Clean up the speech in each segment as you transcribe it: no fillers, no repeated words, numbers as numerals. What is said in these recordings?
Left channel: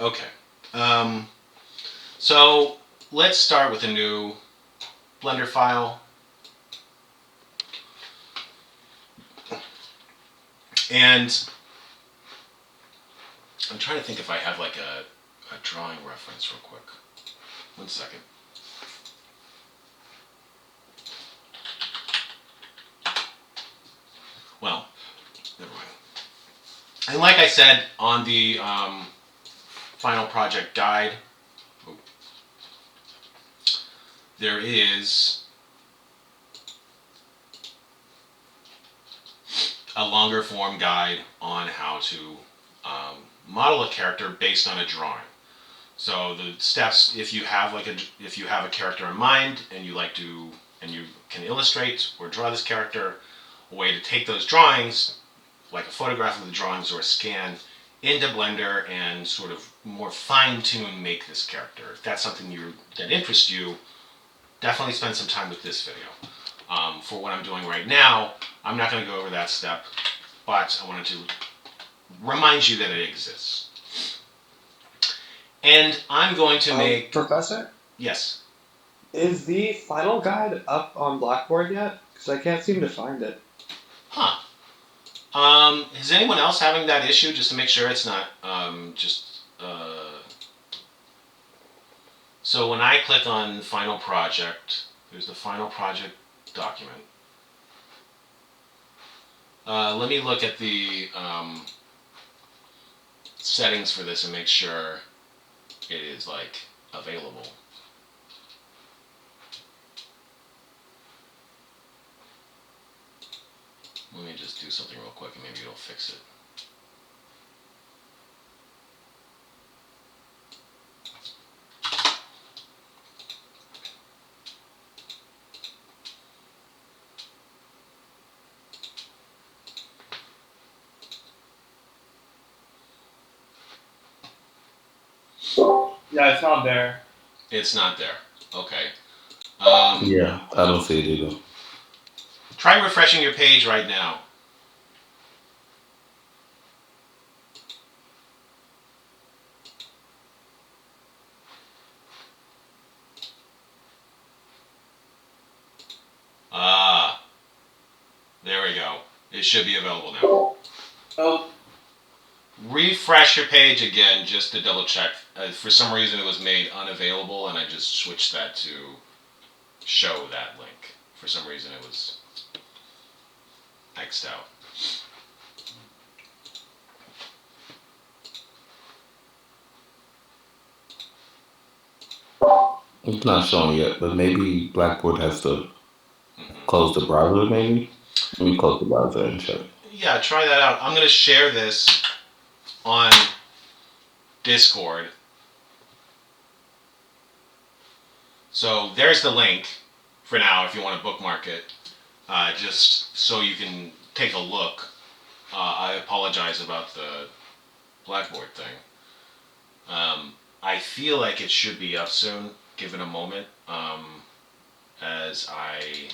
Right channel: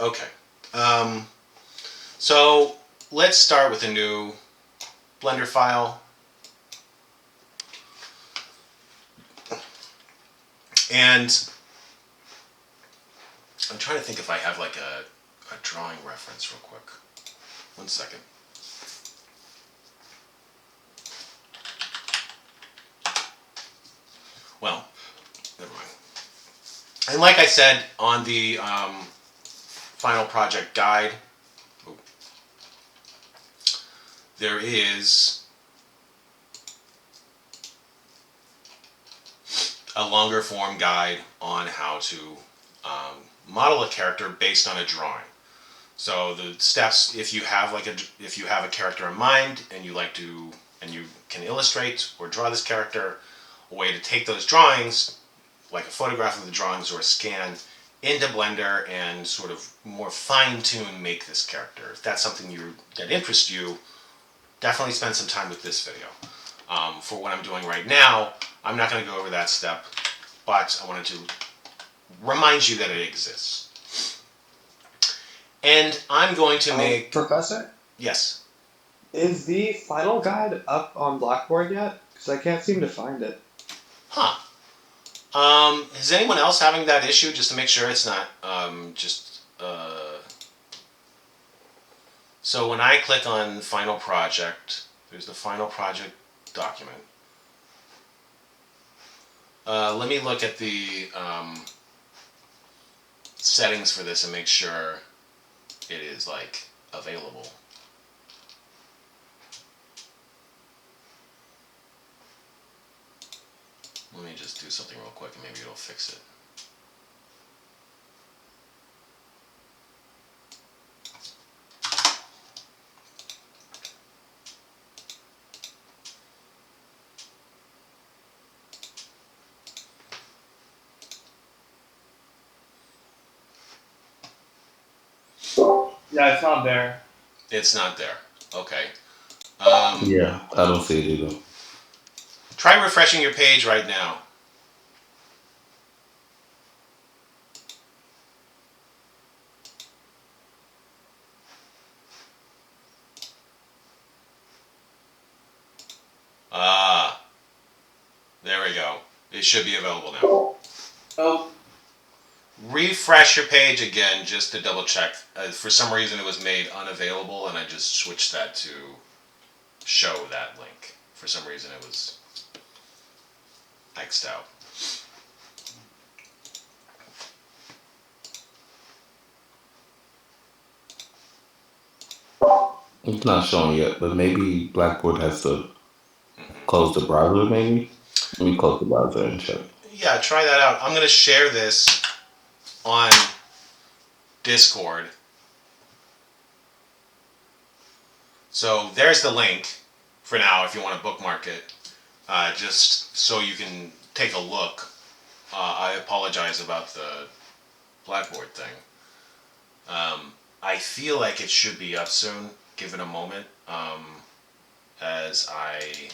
Okay. Um, so let's start with a new Blender file. And I'm trying to think if I have like a drawing reference real quick. 1 second. Well, never mind. And like I said on the final project guide, there is a longer form guide on how to model a character based on a drawing. So the steps, if you have a character in mind and you can illustrate or draw this character, a way to take those drawings, like a photograph of the drawings or a scan, into Blender and sort of more fine-tune make this character. If that's something that interests you, definitely spend some time with this video. For what I'm doing right now, I'm not going to go over that step, but I wanted to remind you that it exists. And I'm going to make... Professor? Yes? Is the final guide up on Blackboard yet? Because I can't seem to find it. Huh. Is anyone else having that issue, just to make sure it's not So when I click on Final Project, there's the Final Project document. Let me look at the settings for this and make sure it is available. Let me just do something real quick and maybe it'll fix it. Yeah, it's not there. It's not there. Okay. Yeah, I don't see it either. Try refreshing your page right now. There we go. It should be available now. Oh. Refresh your page again just to double check. For some reason it was made unavailable and I just switched that to show that link. For some reason it was X'd out. It's not showing yet, but maybe Blackboard has to close the browser, maybe? Let me close the browser and check. Yeah, try that out. I'm going to share this on Discord. So there's the link for now if you want to bookmark it, just so you can take a look. I apologize about the Blackboard thing. I feel like it should be up soon. Give it a moment as I...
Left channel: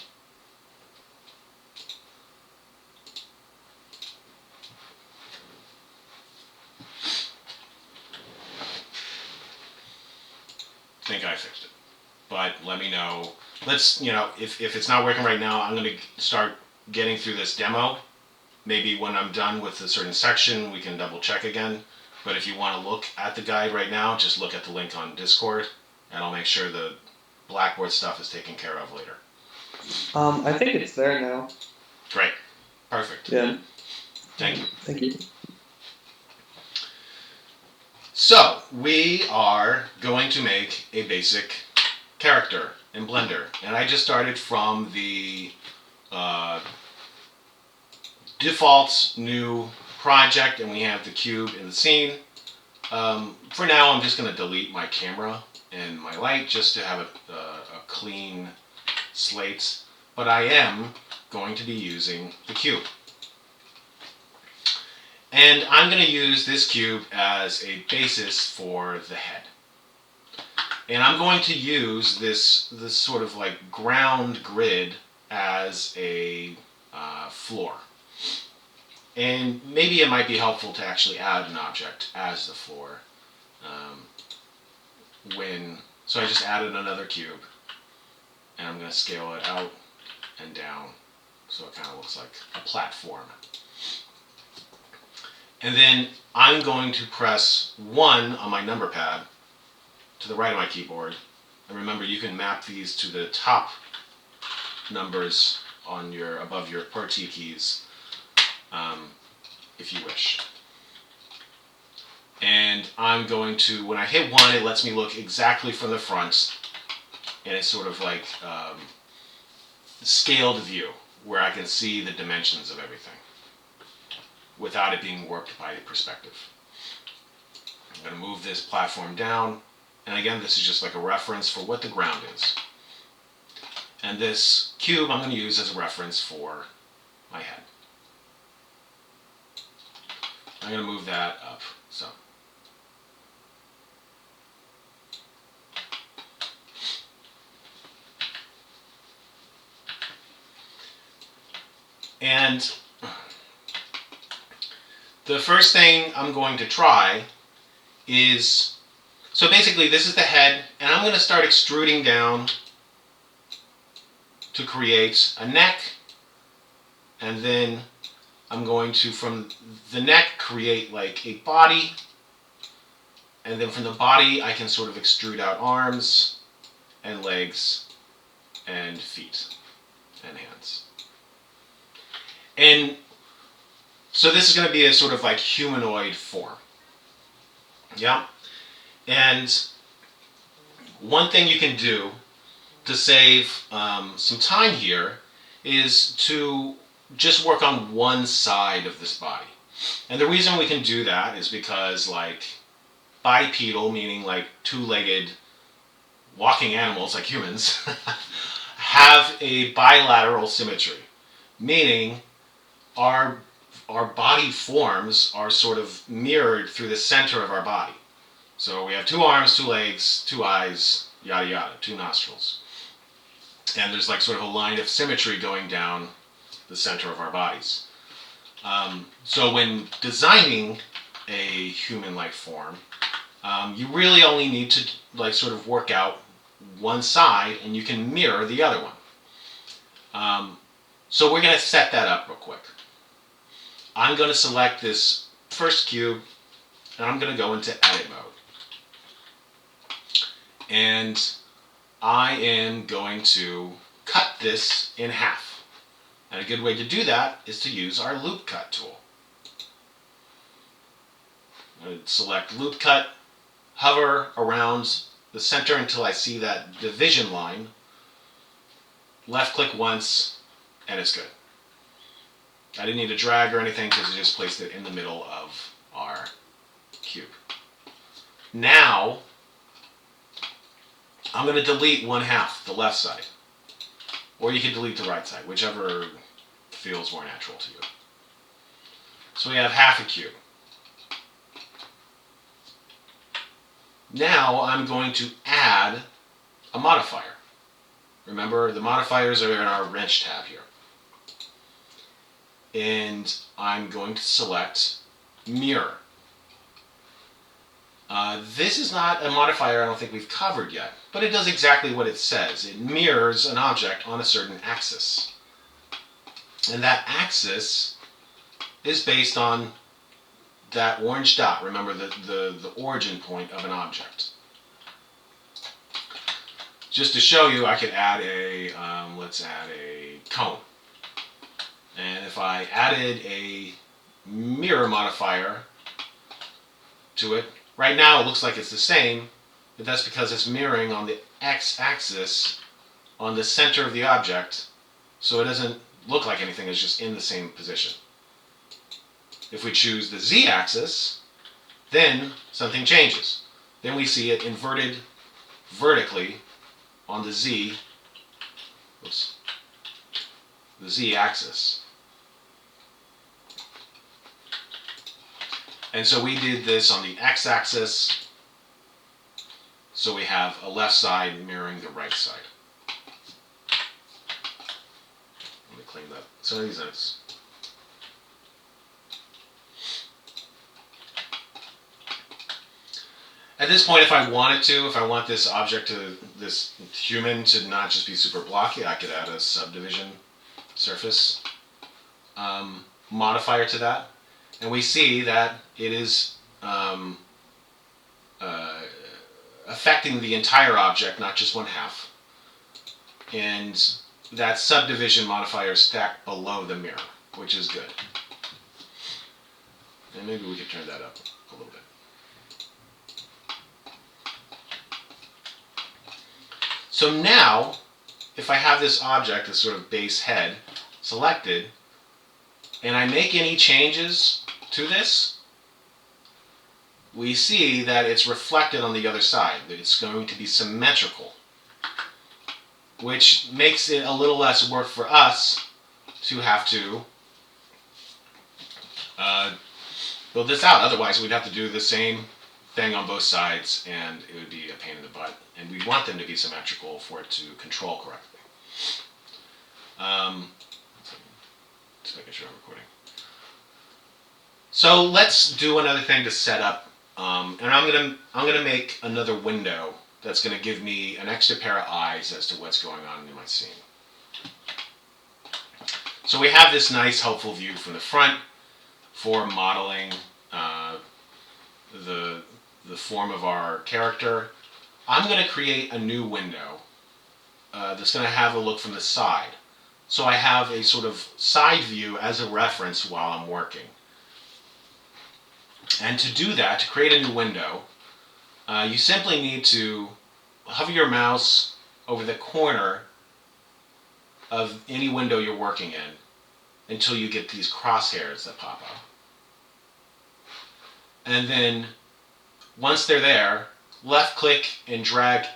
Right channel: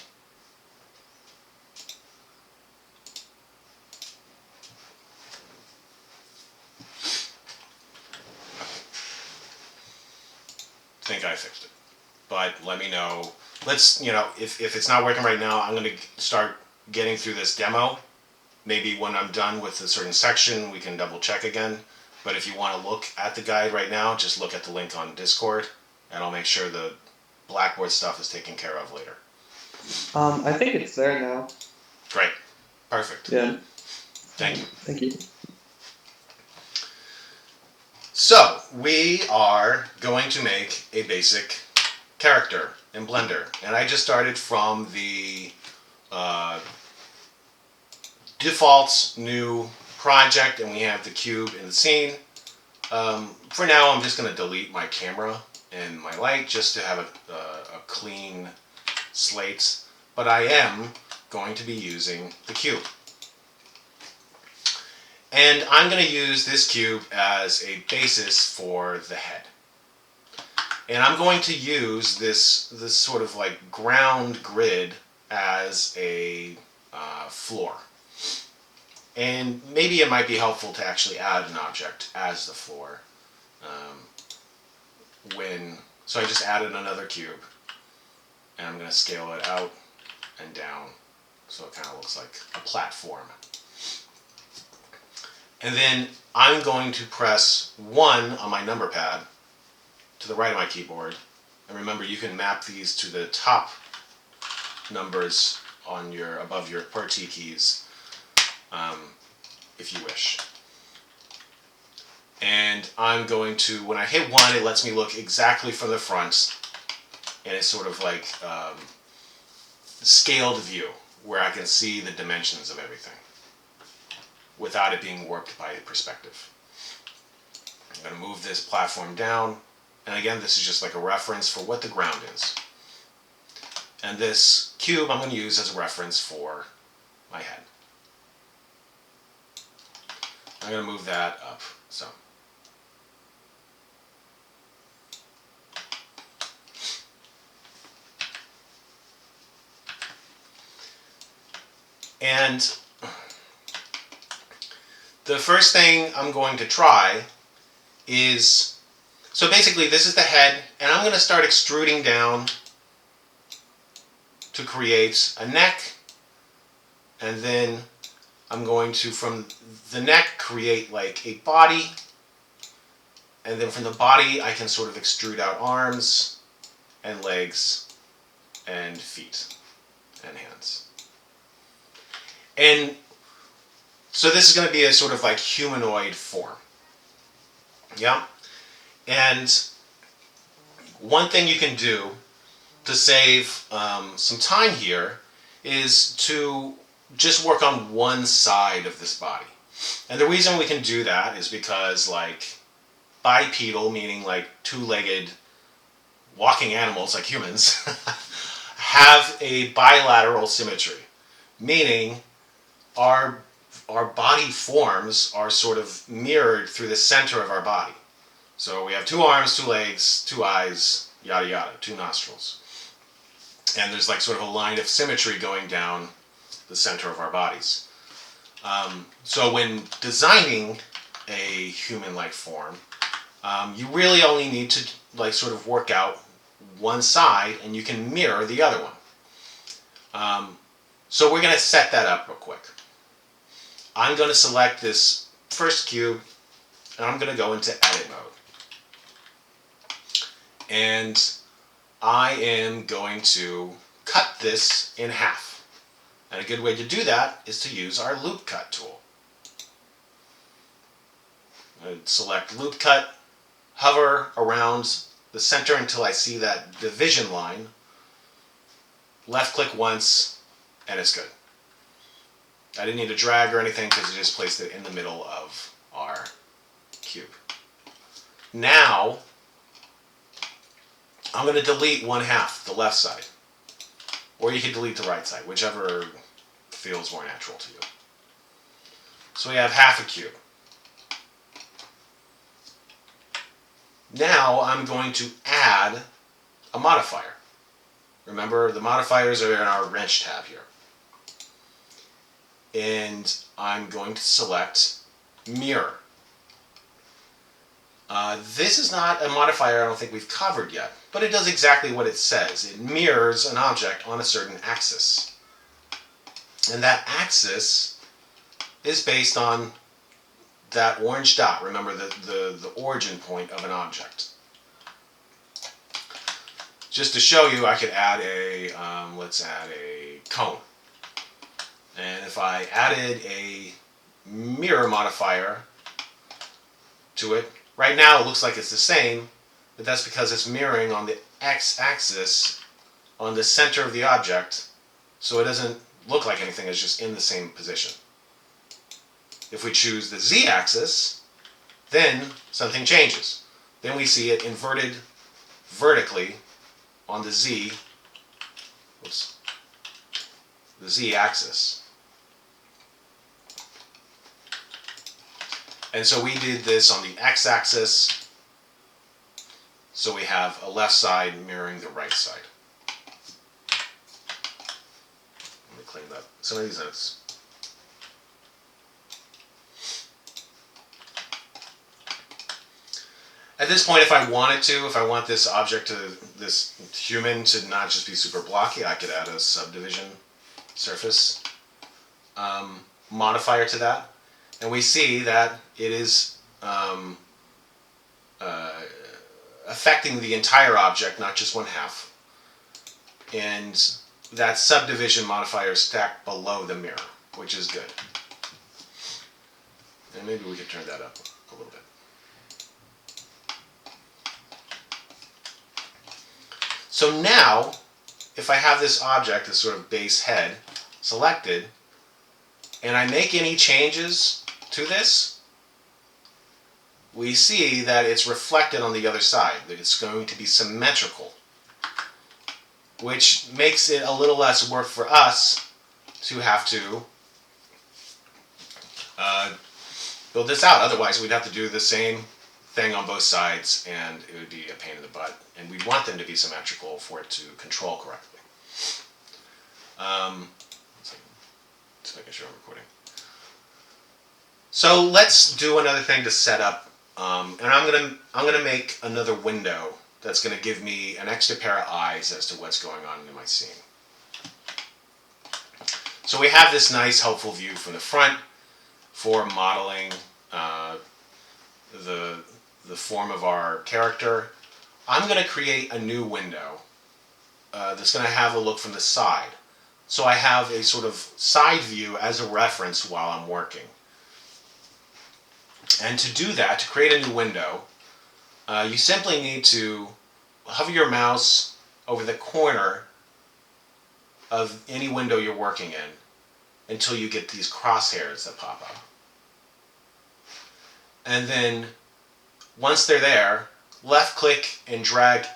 think I fixed it. But let me know. Let's, if it's not working right now, I'm going to start getting through this demo. Maybe when I'm done with a certain section, we can double check again. But if you want to look at the guide right now, just look at the link on Discord, and I'll make sure the Blackboard stuff is taken care of later. I think it's there now. Great. Perfect. Yeah. Thank you. Thank you. So, we are going to make a basic character in Blender. And I just started from the default new project, and we have the cube in the scene. For now, I'm just going to delete my camera and my light just to have a clean slate. But I am going to be using the cube. And I'm going to use this cube as a basis for the head. And I'm going to use this sort of like ground grid as a floor. And maybe it might be helpful to actually add an object as the floor. So I just added another cube, and I'm going to scale it out and down so it kind of looks like a platform. And then I'm going to press 1 on my number pad to the right of my keyboard. And remember, you can map these to the top numbers on above your Pt2 keys if you wish. And I'm going to, when I hit 1, it lets me look exactly from the front, and it's sort of like scaled view where I can see the dimensions of everything without it being warped by perspective. I'm going to move this platform down, and again, this is just like a reference for what the ground is. And this cube I'm going to use as a reference for my head. I'm going to move that up some. And the first thing I'm going to try is, so basically this is the head, and I'm going to start extruding down to create a neck, and then I'm going to, from the neck, create like a body, and then from the body I can sort of extrude out arms and legs and feet and hands. And so this is going to be a sort of like humanoid form. Yeah? And one thing you can do to save some time here is to just work on one side of this body. And the reason we can do that is because like bipedal, meaning like two-legged walking animals like humans, have a bilateral symmetry, meaning our body forms are sort of mirrored through the center of our body. So we have 2 arms, 2 legs, 2 eyes, yada yada, 2 nostrils. And there's like sort of a line of symmetry going down the center of our bodies. So when designing a human-like form, you really only need to like sort of work out one side, and you can mirror the other one. So we're going to set that up real quick. I'm going to select this first cube, and I'm going to go into edit mode. And I am going to cut this in half. And a good way to do that is to use our loop cut tool. I'm going to select loop cut, hover around the center until I see that division line, left click once, and it's good. I didn't need to drag or anything because it just placed it in the middle of our cube. Now, I'm going to delete 1/2, the left side. Or you can delete the right side, whichever feels more natural to you. So we have half a cube. Now I'm going to add a modifier. Remember, the modifiers are in our wrench tab here. And I'm going to select mirror. This is not a modifier I don't think we've covered yet, but it does exactly what it says. It mirrors an object on a certain axis. And that axis is based on that orange dot. Remember the origin point of an object. Just to show you, I could add let's add a cone. And if I added a mirror modifier to it, right now it looks like it's the same, but that's because it's mirroring on the x-axis on the center of the object, so it doesn't look like anything, it's just in the same position. If we choose the z-axis, then something changes. Then we see it inverted vertically on the the z-axis. And so we did this on the x-axis, so we have a left side mirroring the right side. Let me clean up some of these notes. At this point, if I wanted to, if I want this object to, this human to not just be super blocky, I could add a subdivision surface modifier to that. And we see that it is affecting the entire object, not just one half. And that subdivision modifier is stacked below the mirror, which is good. And maybe we could turn that up a little bit. So now, if I have this object, this sort of base head, selected, and I make any changes to this, we see that it's reflected on the other side, that it's going to be symmetrical, which makes it a little less work for us to have to build this out. Otherwise, we'd have to do the same thing on both sides, and it would be a pain in the butt. And we want them to be symmetrical for it to control correctly. Just making sure I'm recording. So let's do another thing to set up, and I'm gonna make another window that's gonna give me an extra pair of eyes as to what's going on in my scene. So we have this nice, helpful view from the front for modeling the form of our character. I'm going to create a new window that's going to have a look from the side. So I have a sort of side view as a reference while I'm working. And to do that, to create a new window, you simply need to hover your mouse over the corner of any window you're working in until you get these crosshairs that pop up. And then once they're there, left click and drag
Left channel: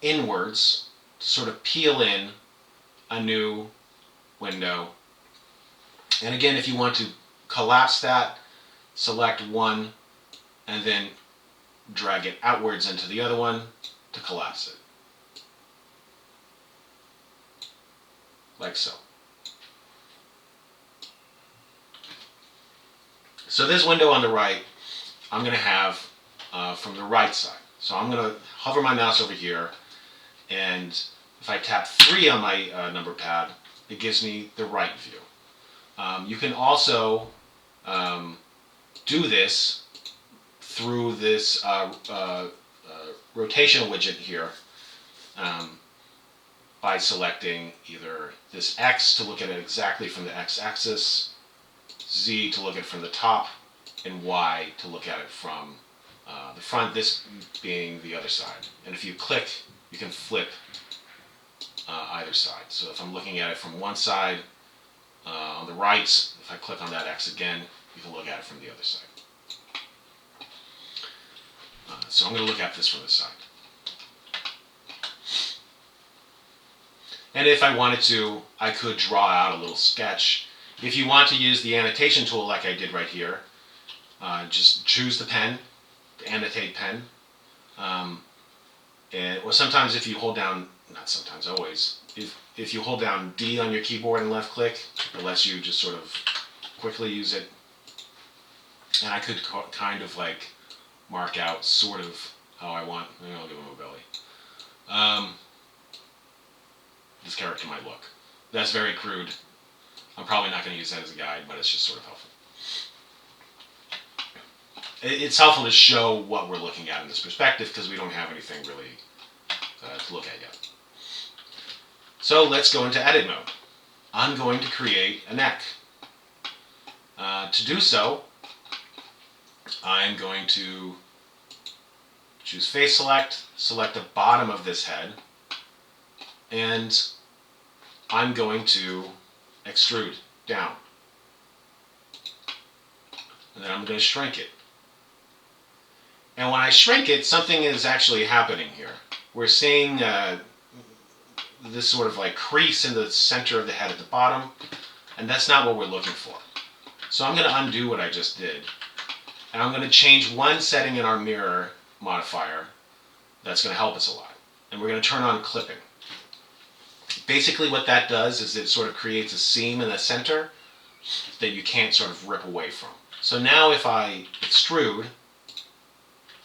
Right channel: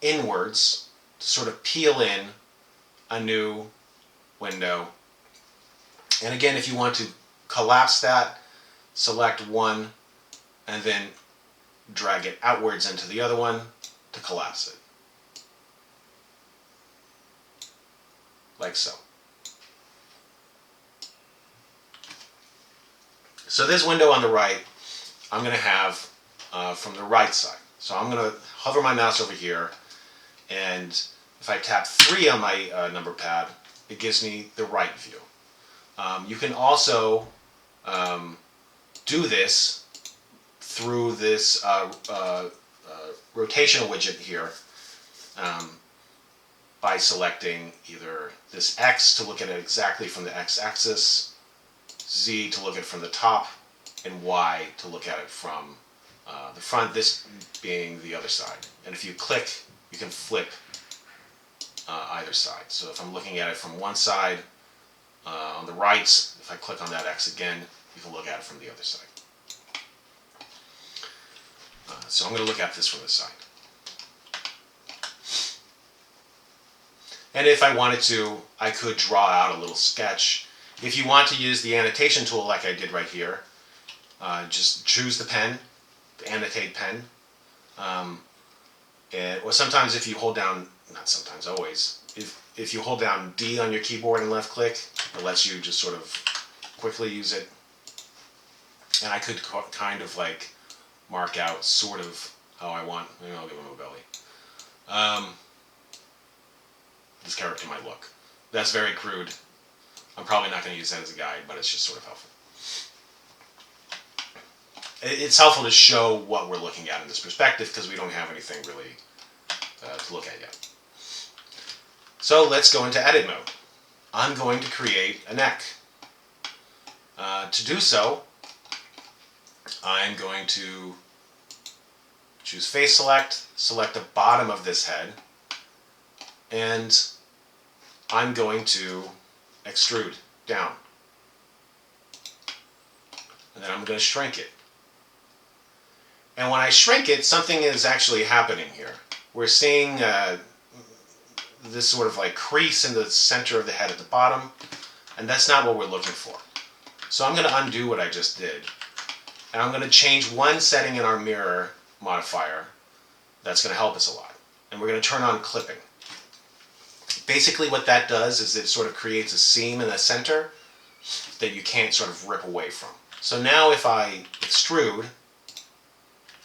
inwards to sort of peel in a new window. And again, if you want to collapse that, select one and then drag it outwards into the other one to collapse it. Like so. So this window on the right, I'm going to have from the right side. So I'm going to hover my mouse over here, and if I tap 3 on my number pad, it gives me the right view. You can also do this through this rotational widget here by selecting either this X to look at it exactly from the X-axis, Z to look at it from the top, and Y to look at it from the front, this being the other side. And if you click, you can flip either side. So if I'm looking at it from one side, on the right, if I click on that X again, you can look at it from the other side. So I'm going to look at this from the side. And if I wanted to, I could draw out a little sketch. If you want to use the annotation tool like I did right here, just choose the pen, the annotate pen. Or sometimes if you hold down, not sometimes, always, if you hold down D on your keyboard and left click, it lets you just sort of quickly use it. And I could kind of like mark out sort of how I want. Maybe I'll give him a belly. This character might look. That's very crude. I'm probably not going to use that as a guide, but it's just sort of helpful. It's helpful to show what we're looking at in this perspective because we don't have anything really to look at yet. So let's go into edit mode. I'm going to create a neck. To do so, I'm going to choose face select, select the bottom of this head, and I'm going to extrude down. And then I'm going to shrink it. And when I shrink it, something is actually happening here. We're seeing this sort of like crease in the center of the head at the bottom, and that's not what we're looking for. So I'm going to undo what I just did, and I'm going to change one setting in our mirror modifier that's going to help us a lot. And we're going to turn on clipping. Basically what that does is it sort of creates a seam in the center that you can't sort of rip away from. So now if I extrude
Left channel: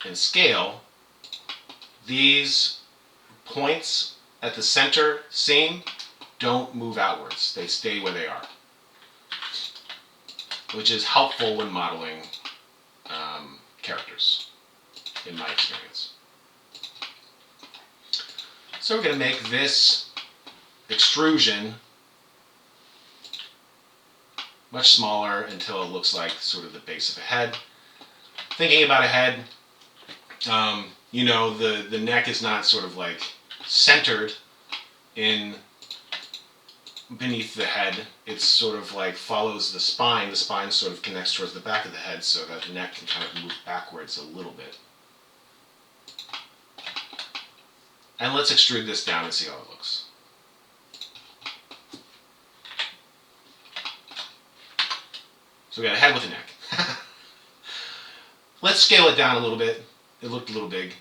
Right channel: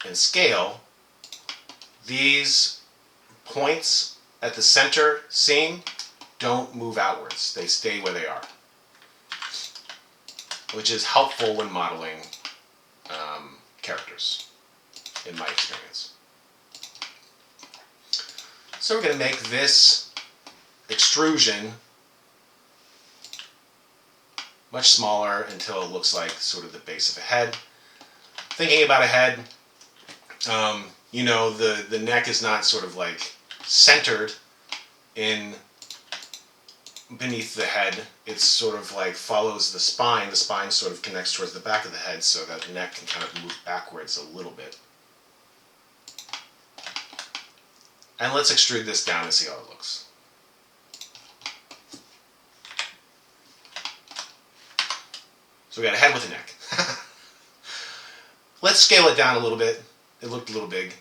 and scale, these points at the center seam don't move outwards. They stay where they are, which is helpful when modeling characters, in my experience. So we're going to make this extrusion much smaller until it looks like sort of the base of a head. Thinking about a head, you know, the neck is not sort of like centered in beneath the head. It's sort of like follows the spine. The spine sort of connects towards the back of the head so that the neck can kind of move backwards a little bit. And let's extrude this down and see how it looks. So we got a head with a neck. Let's scale it down a little bit. It looked a little big.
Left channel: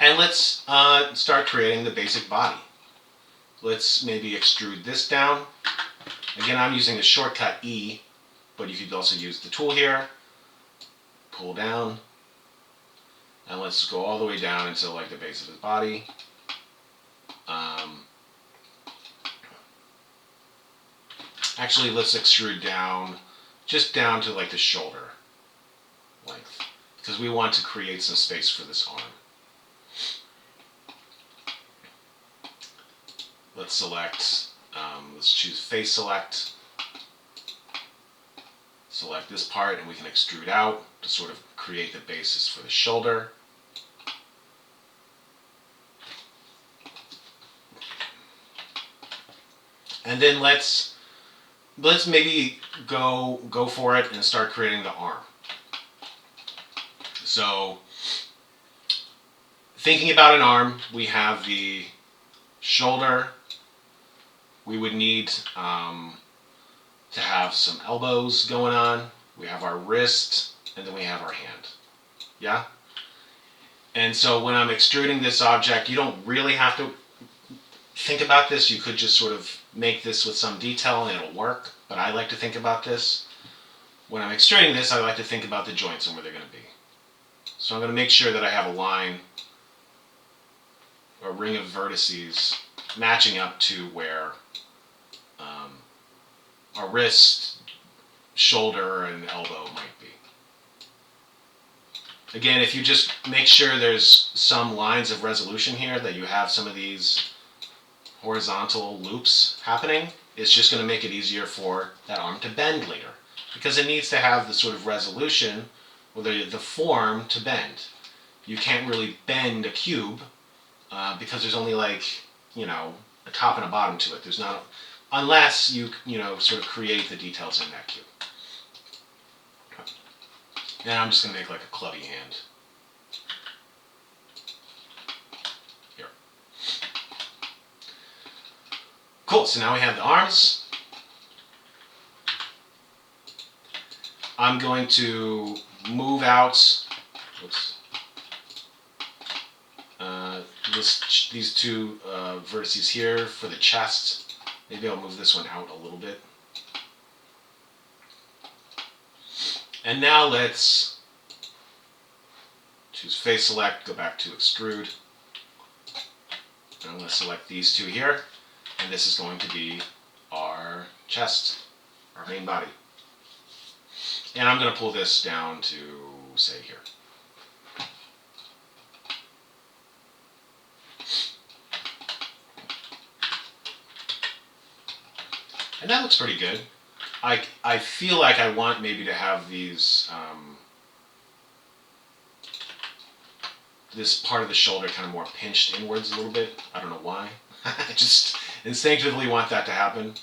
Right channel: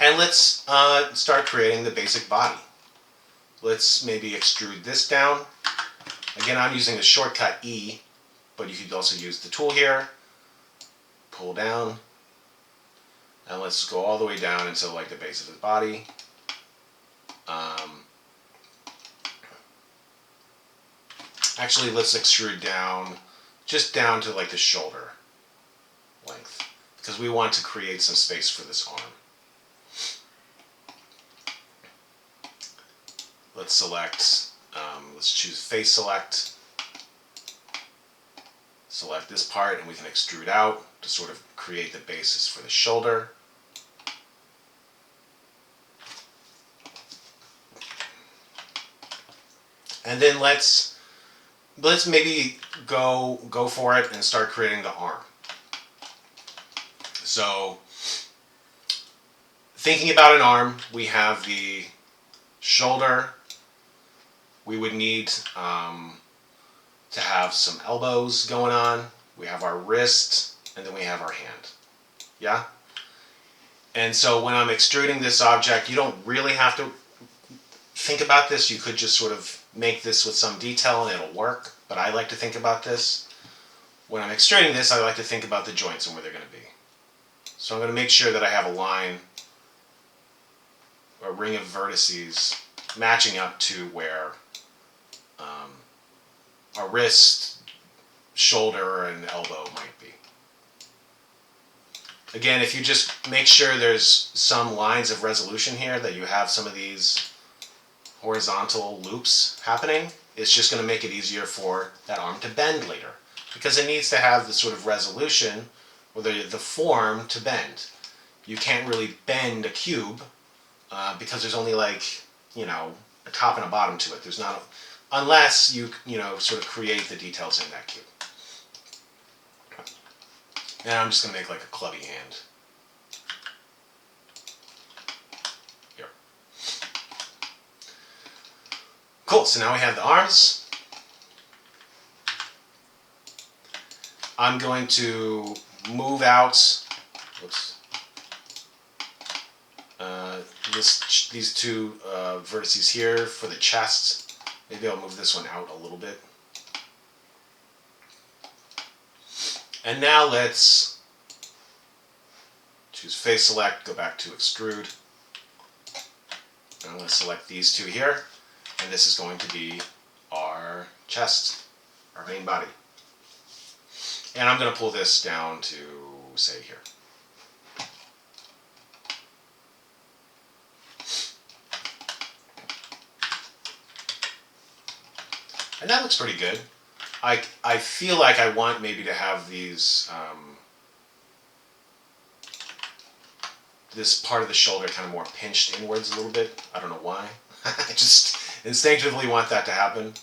And let's start creating the basic body. Let's maybe extrude this down. Again, I'm using the shortcut E, but you could also use the tool here. Pull down. And let's go all the way down until like the base of his body. Actually, let's extrude down, just down to like the shoulder length, because we want to create some space for this arm. Let's select, let's choose face select, select this part, and we can extrude out to sort of create the basis for the shoulder. And then let's maybe go for it and start creating the arm. So thinking about an arm, we have the shoulder. We would need to have some elbows going on. We have our wrist, and then we have our hand. Yeah? And so when I'm extruding this object, you don't really have to think about this. You could just sort of make this with some detail and it'll work, but I like to think about this. When I'm extruding this, I like to think about the joints and where they're going to be. So I'm going to make sure that I have a line, a ring of vertices matching up to where our wrist, shoulder, and elbow might be. Again, if you just make sure there's some lines of resolution here, that you have some of these horizontal loops happening, it's just going to make it easier for that arm to bend later, because it needs to have the sort of resolution or the form to bend. You can't really bend a cube because there's only like, you know, a top and a bottom to it. There's not, unless you sort of create the details in that cube. And I'm just going to make like a clubby hand. Here. Cool, so now we have the arms. I'm going to move out, whoops, these two vertices here for the chest. Maybe I'll move this one out a little bit. And now let's choose face select, go back to extrude. And I'm going to select these two here. And this is going to be our chest, our main body. And I'm going to pull this down to, say, here. And that looks pretty good. I feel like I want maybe to have these, this part of the shoulder kind of more pinched inwards a little bit. I don't know why. I just instinctively want that to happen.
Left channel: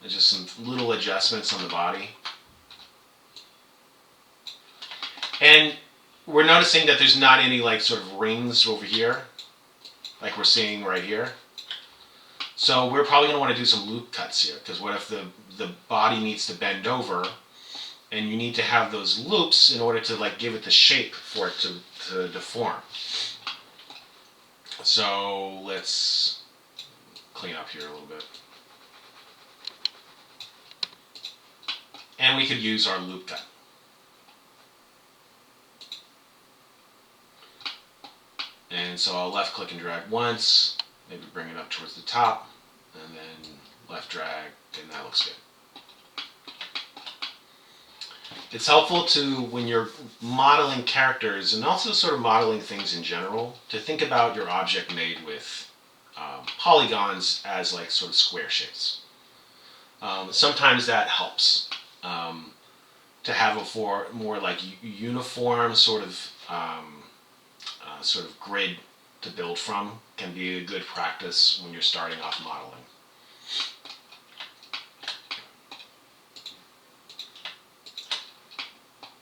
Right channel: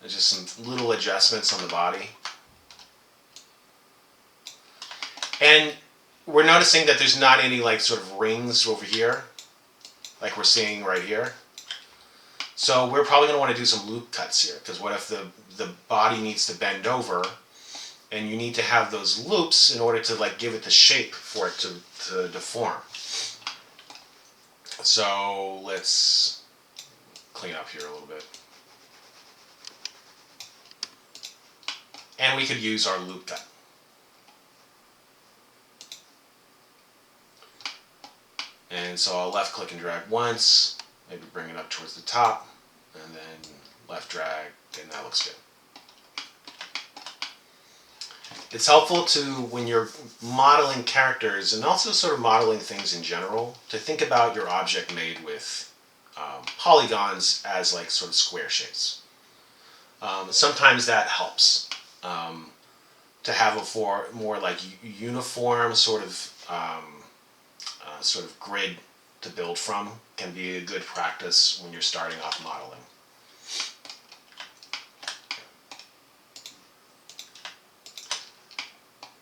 There's just some little adjustments on the body. And we're noticing that there's not any like sort of rings over here, like we're seeing right here. So we're probably going to want to do some loop cuts here, because what if the body needs to bend over, and you need to have those loops in order to like give it the shape for it to deform. So let's clean up here a little bit. And and we could use our loop cut. And so I'll left click and drag once, maybe bring it up towards the top, and then left drag, and that looks good. It's helpful to, when you're modeling characters and also sort of modeling things in general, to think about your object made with polygons as like sort of square shapes. Sometimes that helps to have a more like uniform sort of grid to build from can be a good practice when you're starting off modeling.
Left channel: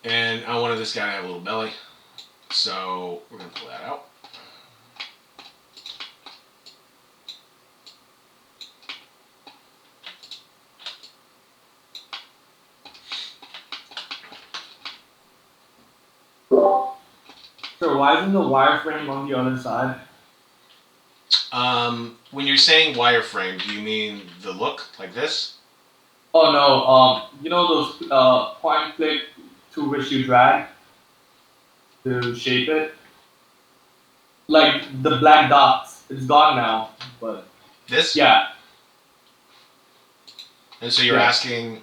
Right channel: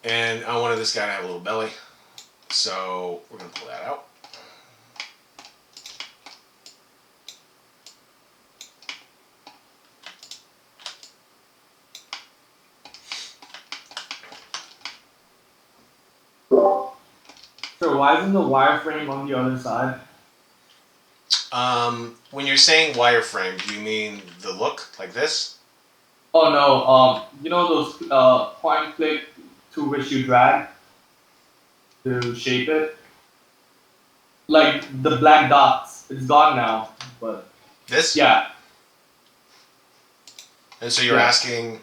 And I wanted this guy to have a little belly, so we're going to pull that out. So why isn't the wireframe on the other side? When you're saying wireframe, do you mean the look like this? Oh no, you know those point click to which you drag to shape it? Like the black dots. It's gone now, but This? yeah. And so you're asking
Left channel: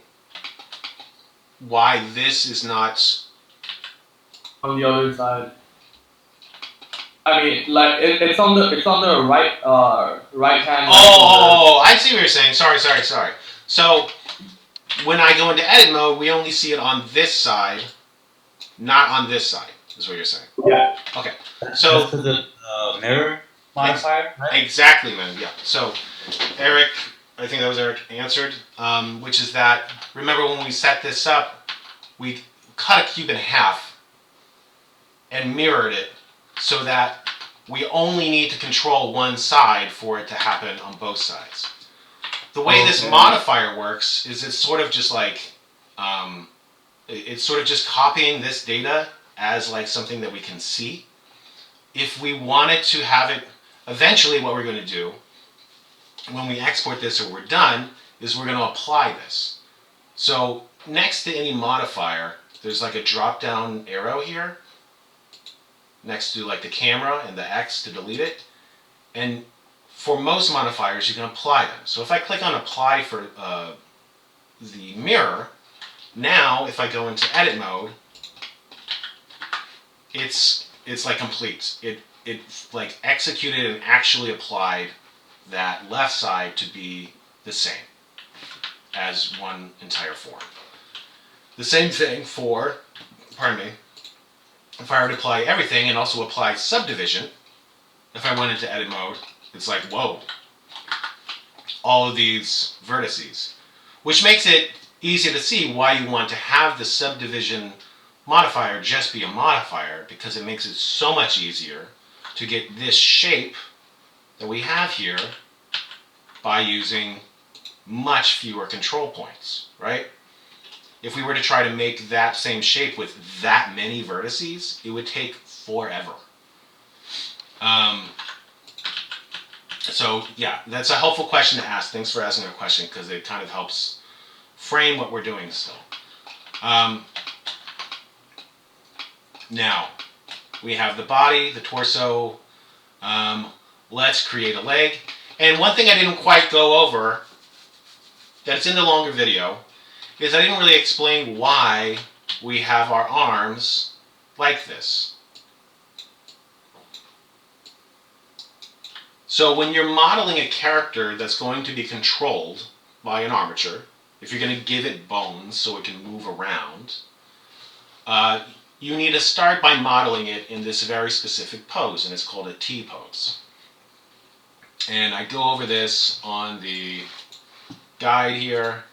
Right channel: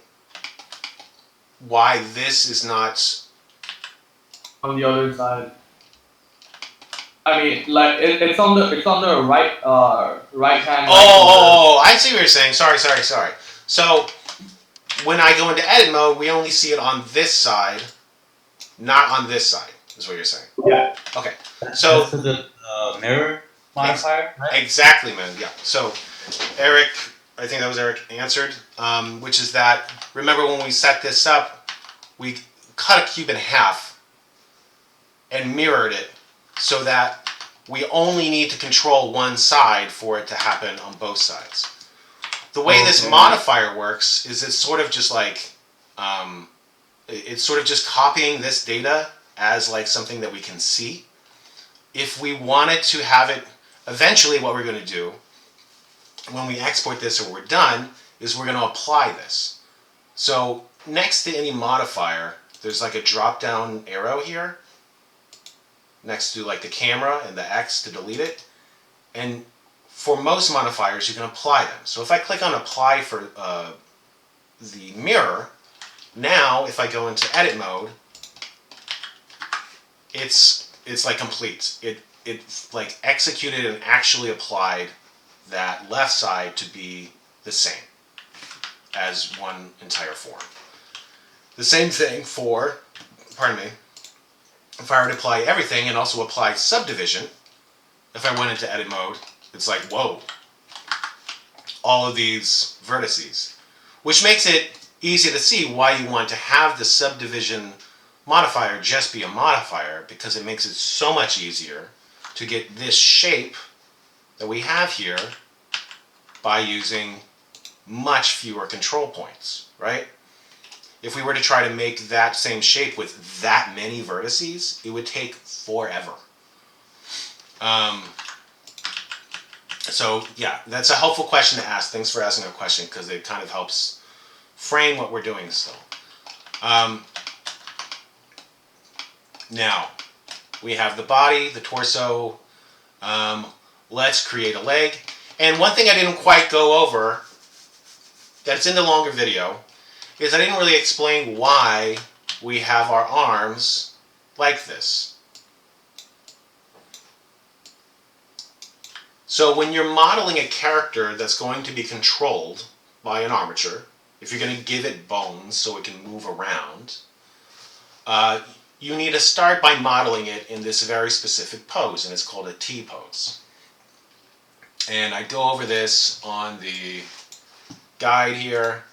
why this is not On the other side. I mean, like it's on the right hand. Oh, I see what you're saying. Sorry. So when I go into edit mode, we only see it on this side, not on this side, is what you're saying. Yeah. Okay. So That's the mirror modifier, right? exactly, man. Yeah. So Eric, I think that was Eric answered, which is that, remember when we set this up, we cut a cube in half and mirrored it so that we only need to control one side for it to happen on both sides. The way this modifier works is it's sort of just like, it's sort of just copying this data as like something that we can see. If we wanted to have it, eventually what we're going to do when we export this or we're done is we're going to apply this. So next to any modifier, there's like a drop down arrow here next to like the camera and the X to delete it. And for most modifiers, you can apply them. So if I click on apply for the mirror, now if I go into edit mode, it's like complete. It's like executed and actually applied that left side to be the same as one entire form. The same thing for, pardon me, if I were to apply everything and also apply subdivision, if I went into edit mode, it's like, whoa, all of these vertices, which makes it easy to see why you want to have the subdivision modifier just be a modifier, because it makes it so much easier to get this shape that we have here by using much fewer control points, right? If we were to try to make that same shape with that many vertices, it would take forever. So yeah, that's a helpful question to ask. Thanks for asking a question, because it kind of helps frame what we're doing still. Now, we have the body, the torso. Let's create a leg. And one thing I didn't quite go over, that's in the longer video, is I didn't really explain why we have our arms like this. So when you're modeling a character that's going to be controlled by an armature, if you're going to give it bones so it can move around, you need to start by modeling it in this very specific pose, and it's called a T pose. And I go over this on the guide here.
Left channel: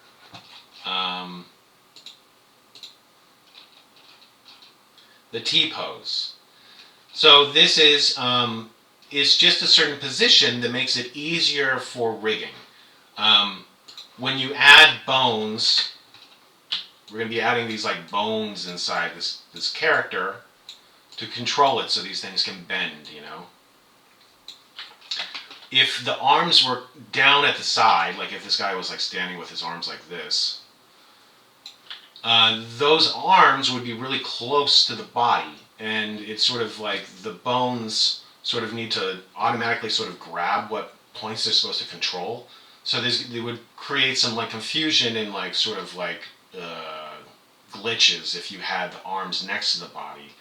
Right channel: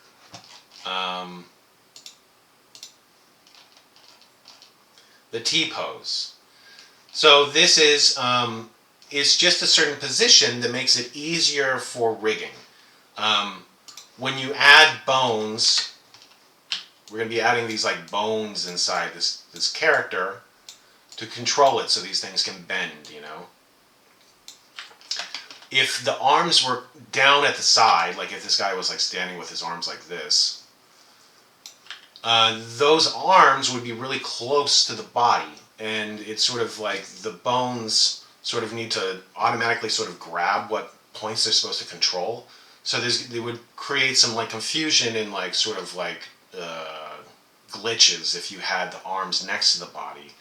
The T pose. So this is it's just a certain position that makes it easier for rigging. When you add bones, we're going to be adding these like bones inside this character to control it so these things can bend, you know. If the arms were down at the side, like if this guy was like standing with his arms like this, those arms would be really close to the body, and it's sort of like the bones sort of need to automatically sort of grab what points they're supposed to control. So they would create some like confusion and like sort of like glitches if you had the arms next to the body.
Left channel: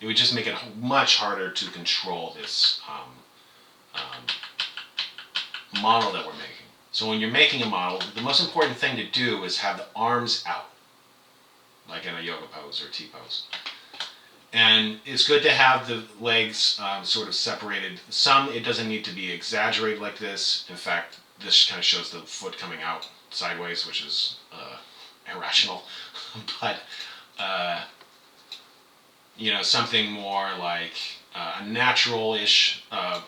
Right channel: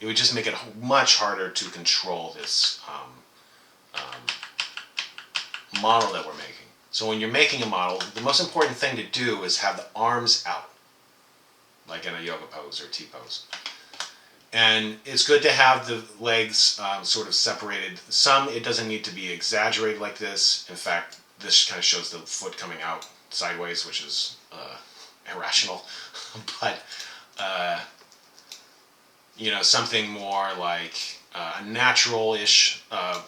It would just make it much harder to control this model that we're making. So when you're making a model, the most important thing to do is have the arms out, like in a yoga pose or T-pose. And it's good to have the legs sort of separated. Some, it doesn't need to be exaggerated like this. In fact, this kind of shows the foot coming out sideways, which is irrational. But, something more like a natural-ish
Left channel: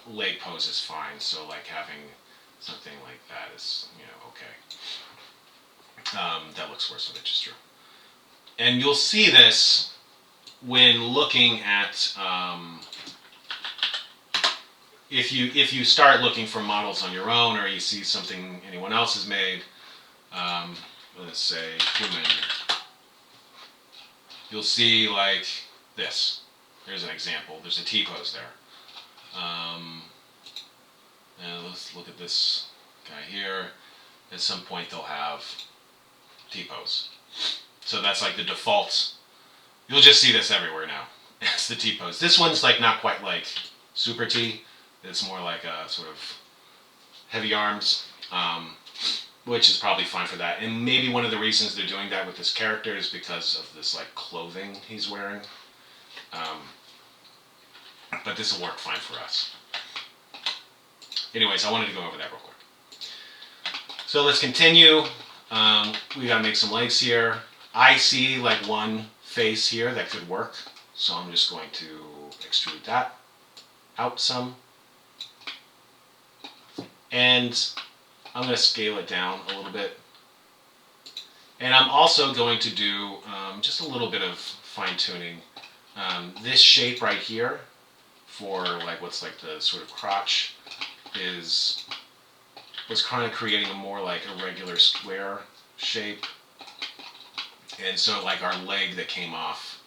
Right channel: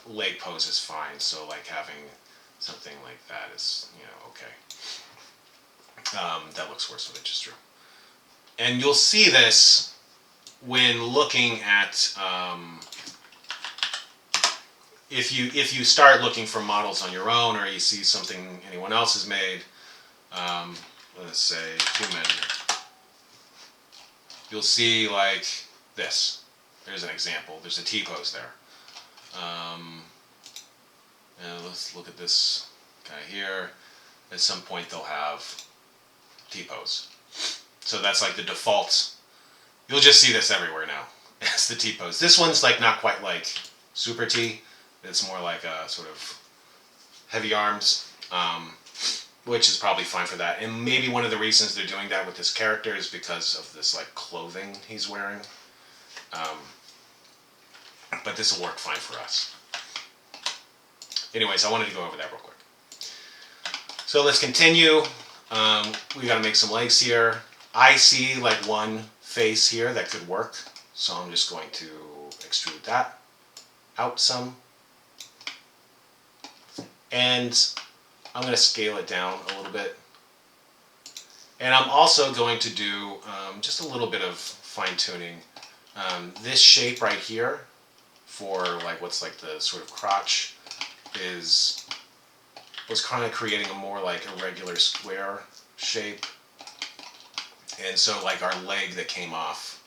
leg pose is fine. So like having something like that is, okay. That looks worse than it just drew. And you'll see this when looking at if you start looking for models on your own, or you see something anyone else has made, let's say human, you'll see like this. There's an example. There's a T-pose there. And let's look at this guy here. At some point they'll have T-pose. So that's like the default. You'll just see this everywhere now. It's the T-pose. This one's like not quite like super T. It's more like a sort of heavy arms, which is probably fine for that. And maybe one of the reasons they're doing that with this character is because of this like clothing he's wearing. But this will work fine for us. Anyways, I wanted to go over that real quick. So let's continue. We gotta make some legs here. I see like one face here that could work, so I'm just going to extrude that out some. And I'm going to scale it down a little bit. And I'm also going to do just a little bit of fine tuning. This shape right here for like what's like the sort of crotch was kind of creating a more like irregular square shape. And so like our leg that came off,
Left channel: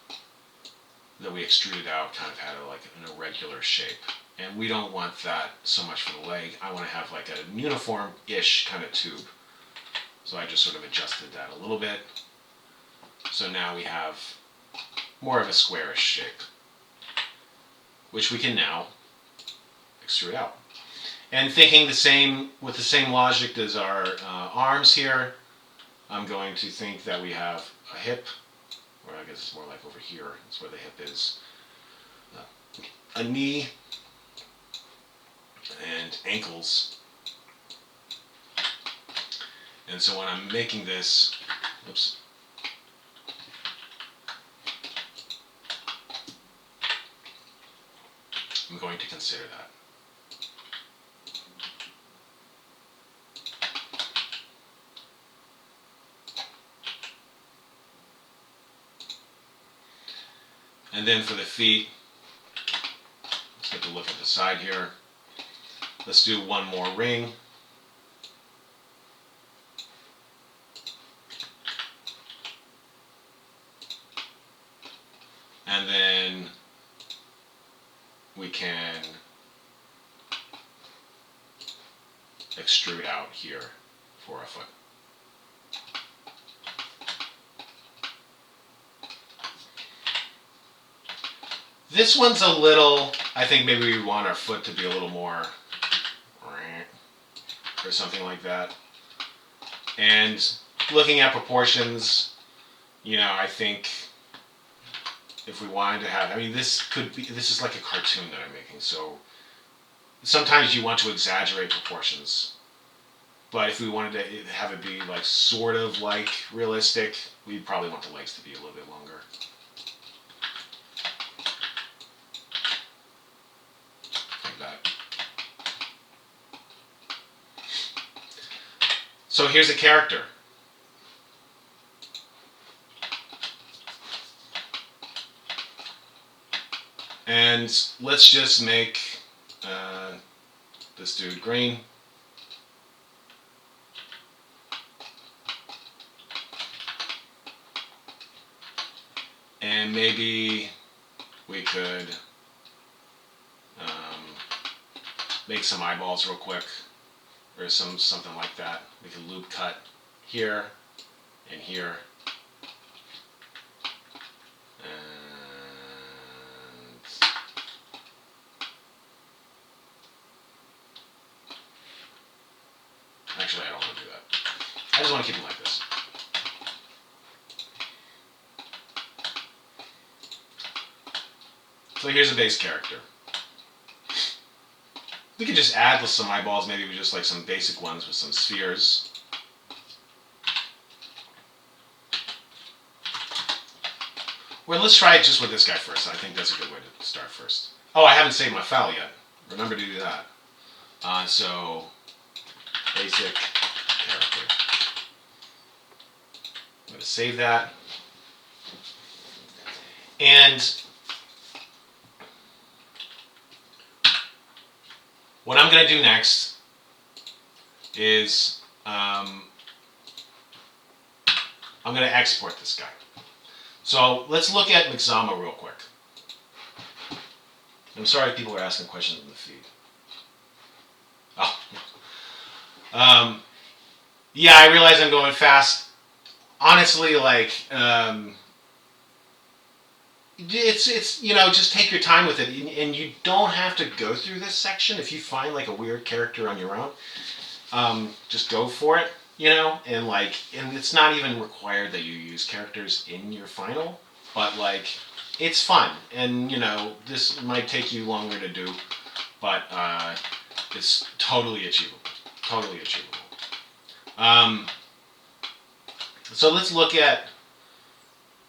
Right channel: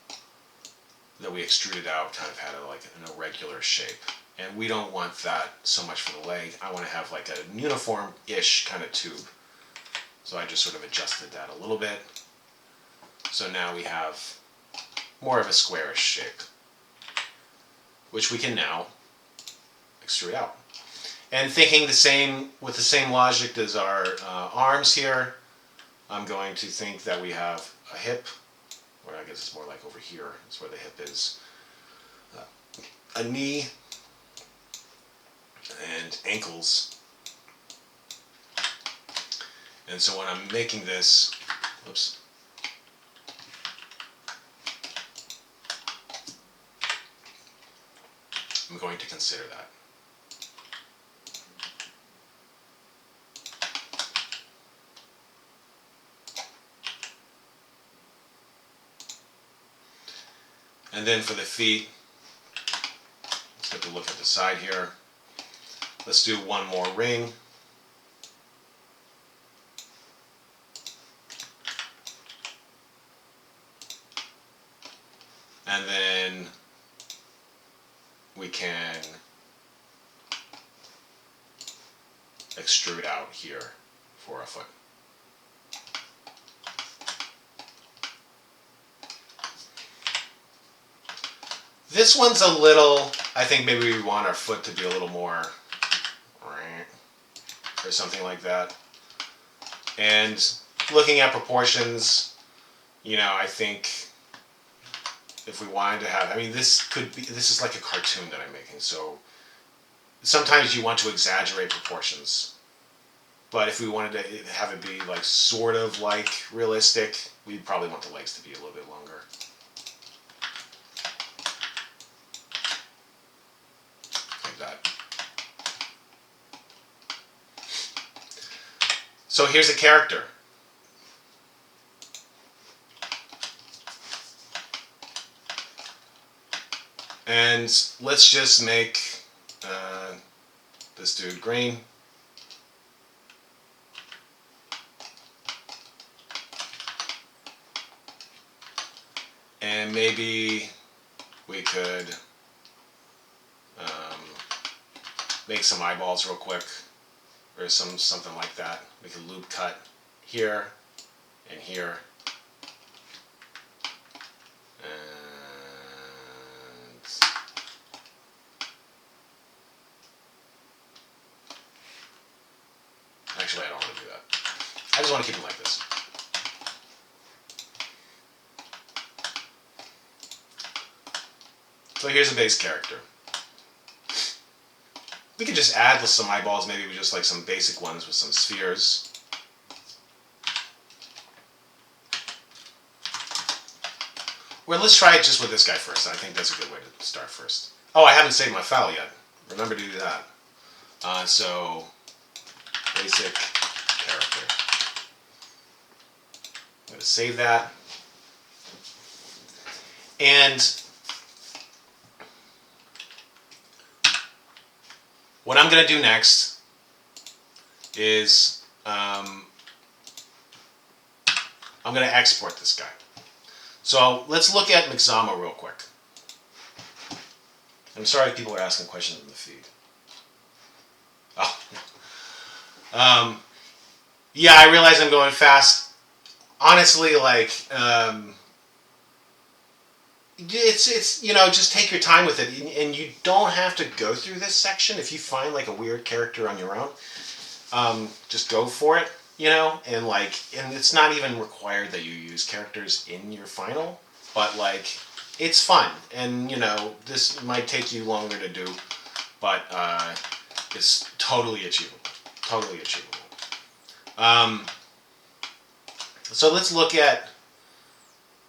that we extruded out, kind of had like an irregular shape. And we don't want that so much for the leg. I want to have like a uniform-ish kind of tube. So I just sort of adjusted that a little bit. So now we have more of a squarish shape, which we can now extrude out. And thinking with the same logic as our arms here, I'm going to think that we have a hip, or I guess it's more like over here, it's where the hip is, a knee, and ankles. And so when I'm making this, oops, I'm going to consider that. And then for the feet, let's get a look at the side here. Let's do one more ring. And then we can extrude out here for a foot. This one's a little, I think maybe we want our foot to be a little more, or something like that. And looking at proportions, I think if we wanted to have, this is like a cartoon that I'm making, so sometimes you want to exaggerate proportions. But if we wanted to have it be like sort of like realistic, we probably want the legs to be a little bit longer. Like that. So here's a character. And let's just make this dude green. And maybe we could make some eyeballs real quick, or something like that. We could loop cut here and here. And actually, I don't want to do that. I just want to keep them like this. So here's a base character. We could just add some eyeballs, maybe with just like some basic ones with some spheres. Well, let's try it just with this guy first. I think that's a good way to start first. Oh, I haven't saved my file yet. Remember to do that. So, basic character. I'm going to save that. And what I'm going to do next is I'm going to export this guy. So let's look at Mixamo real quick. I'm sorry if people are asking questions in the feed. Oh. Yeah, I realize I'm going fast. Honestly, like, it's you know, just take your time with it, and you don't have to go through this section. If you find like a weird character on your own, just go for it, you know, and it's not even required that you use characters in your final, but like, it's fun, and you know, this might take you longer to do, but it's totally achievable, totally achievable. So let's look at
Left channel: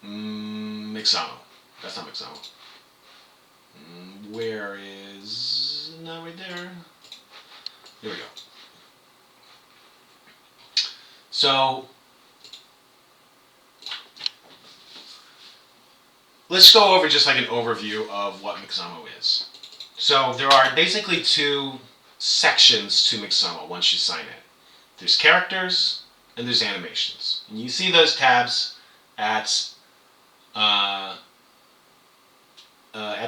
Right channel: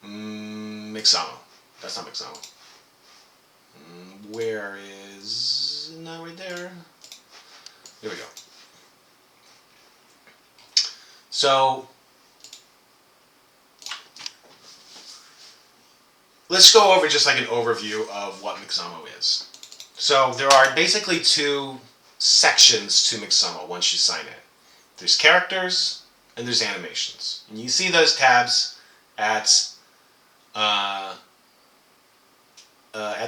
Mixamo. That's not Mixamo. Where is... No, right there. There we go. So, let's go over just like an overview of what Mixamo is. So, there are basically two sections to Mixamo once you sign in. There's characters and there's animations. And you see those tabs at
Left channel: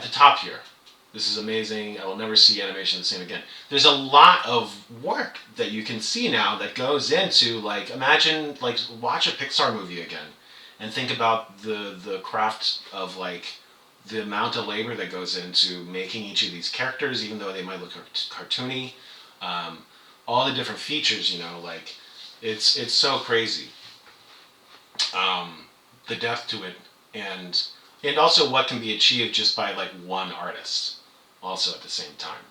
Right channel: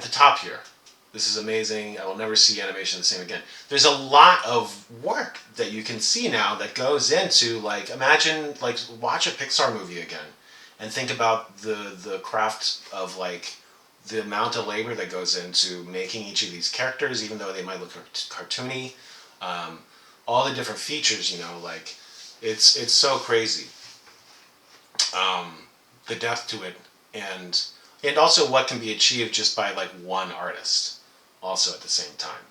the top here. This is amazing. I will never see animation the same again. There's a lot of work that you can see now that goes into, like, imagine, like, watch a Pixar movie again and think about the craft of, like, the amount of labor that goes into making each of these characters, even though they might look cartoony. All the different features, you know, like, it's so crazy. The depth to it, and also what can be achieved just by like one artist also at the same time.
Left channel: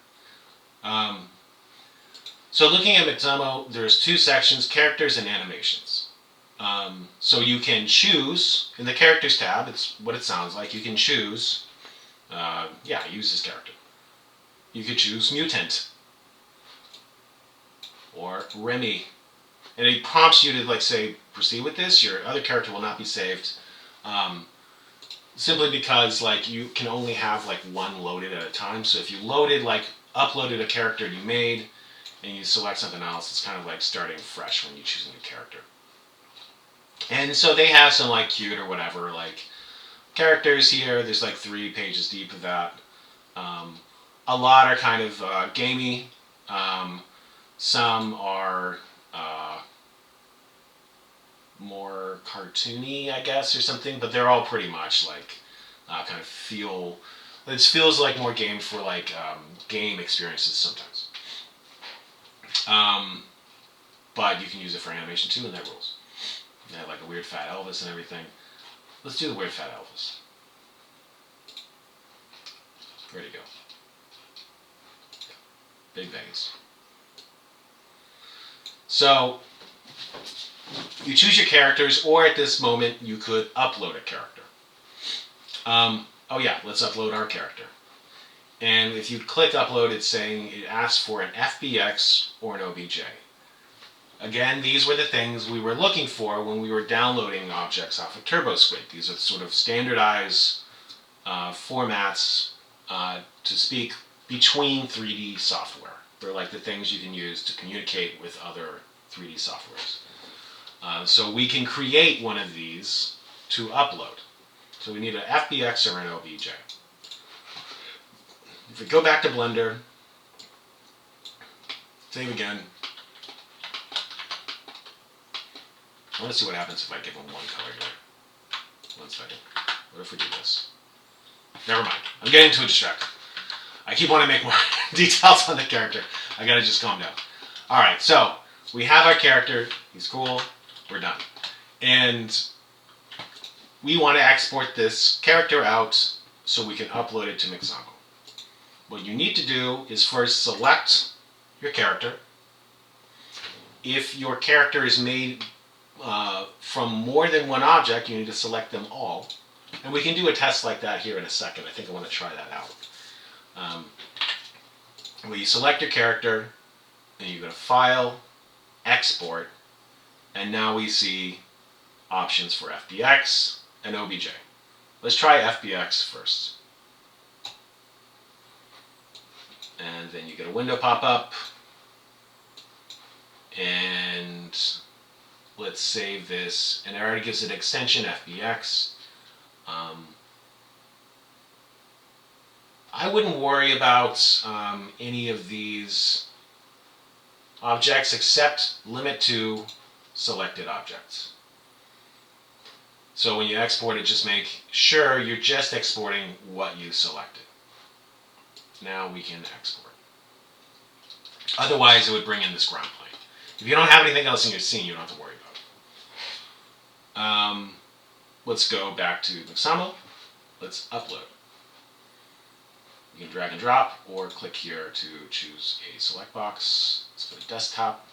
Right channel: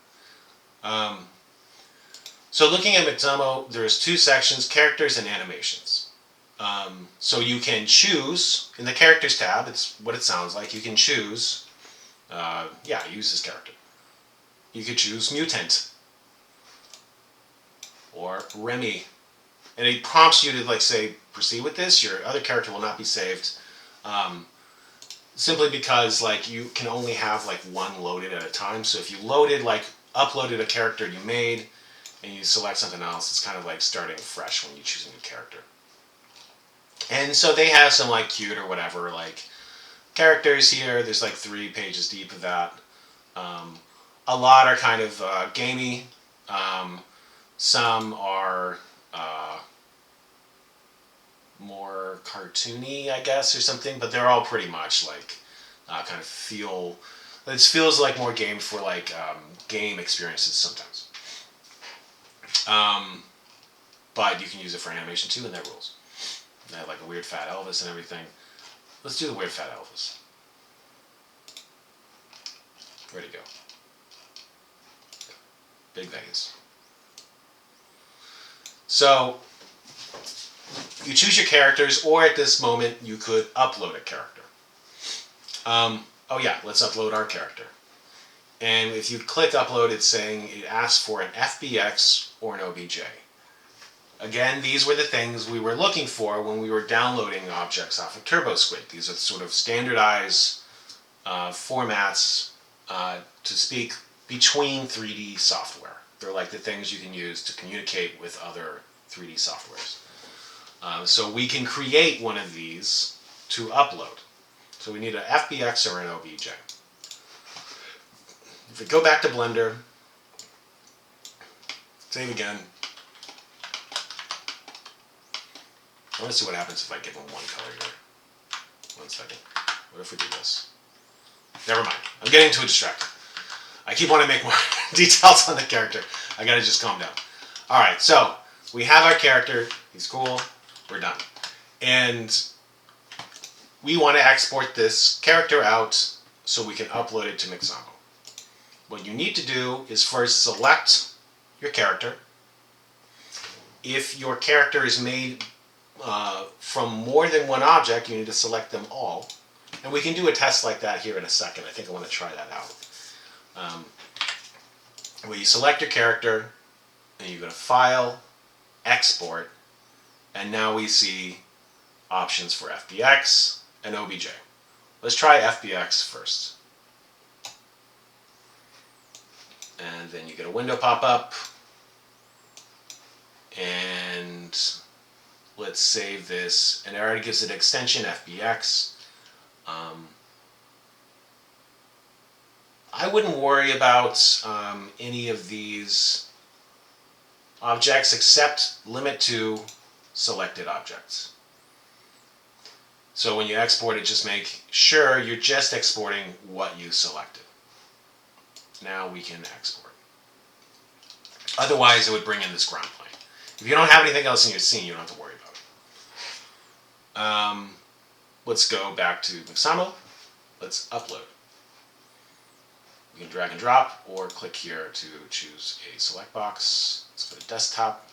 So looking at Mixamo, there's two sections, characters and animations. So you can choose, in the characters tab, it's what it sounds like, you can choose, use this character. You could choose Mutant, or Remy, and it prompts you to like say, proceed with this, your other character will not be saved. Simply because like you can only have like one loaded at a time. So if you uploaded a character you made and you select something else, it's kind of like starting fresh when you choose a new character. And so they have some like cute or whatever like characters here. There's like 3 pages deep of that. A lot are kind of gamey. Some are more cartoony, I guess, or something, but they're all pretty much like kind of it feels like more game for like game experiences sometimes. But you can use it for animation too, and that rules. They have like a weird fat Elvis and everything. Let's do the weird fat Elvis. Where'd he go? Big Vegas. So you choose your characters, or at this moment you could upload a character. Let's upload our character. And if you click upload, it's saying it asks for an FBX or an OBJ. Again, these were the things we were looking for when we were downloading objects off of TurboSquid. These are sort of standardized formats to speak between 3D software. They're like the things you can use to communicate with other 3D softwares. So we can create one of these to upload. So we need an FBX or an OBJ. If we go back to Blender, save again. I want to see what happens if I give them one color here. 1 second. What if we do this? Never mind. I'm getting too distracted. I keep wanting to make more details on the character. I gotta just calm down. Alright, so we have our character. He's cool. We're done. And we want to export this character out so we can upload it to Mixamo. What you need to do is first select your character. If your character is made from more than one object, you need to select them all. And we can do a test like that here in a second. I think I want to try that out. Where you select your character, and you go to File, Export, and now we see options for FBX and OBJ. Let's try FBX first. And then you get a window pop up. And let's save this. And it already gives it an extension, FBX. I wouldn't worry about any of these objects except limit to selected objects. So when you export it, just make sure you're just exporting what you selected. Now we can export. Otherwise, it would bring in this ground plane. If you don't have anything else in your scene, you don't have to worry about it. Let's go back to Mixamo. Let's upload. You can drag and drop or click here to choose a select box. Let's go to desktop.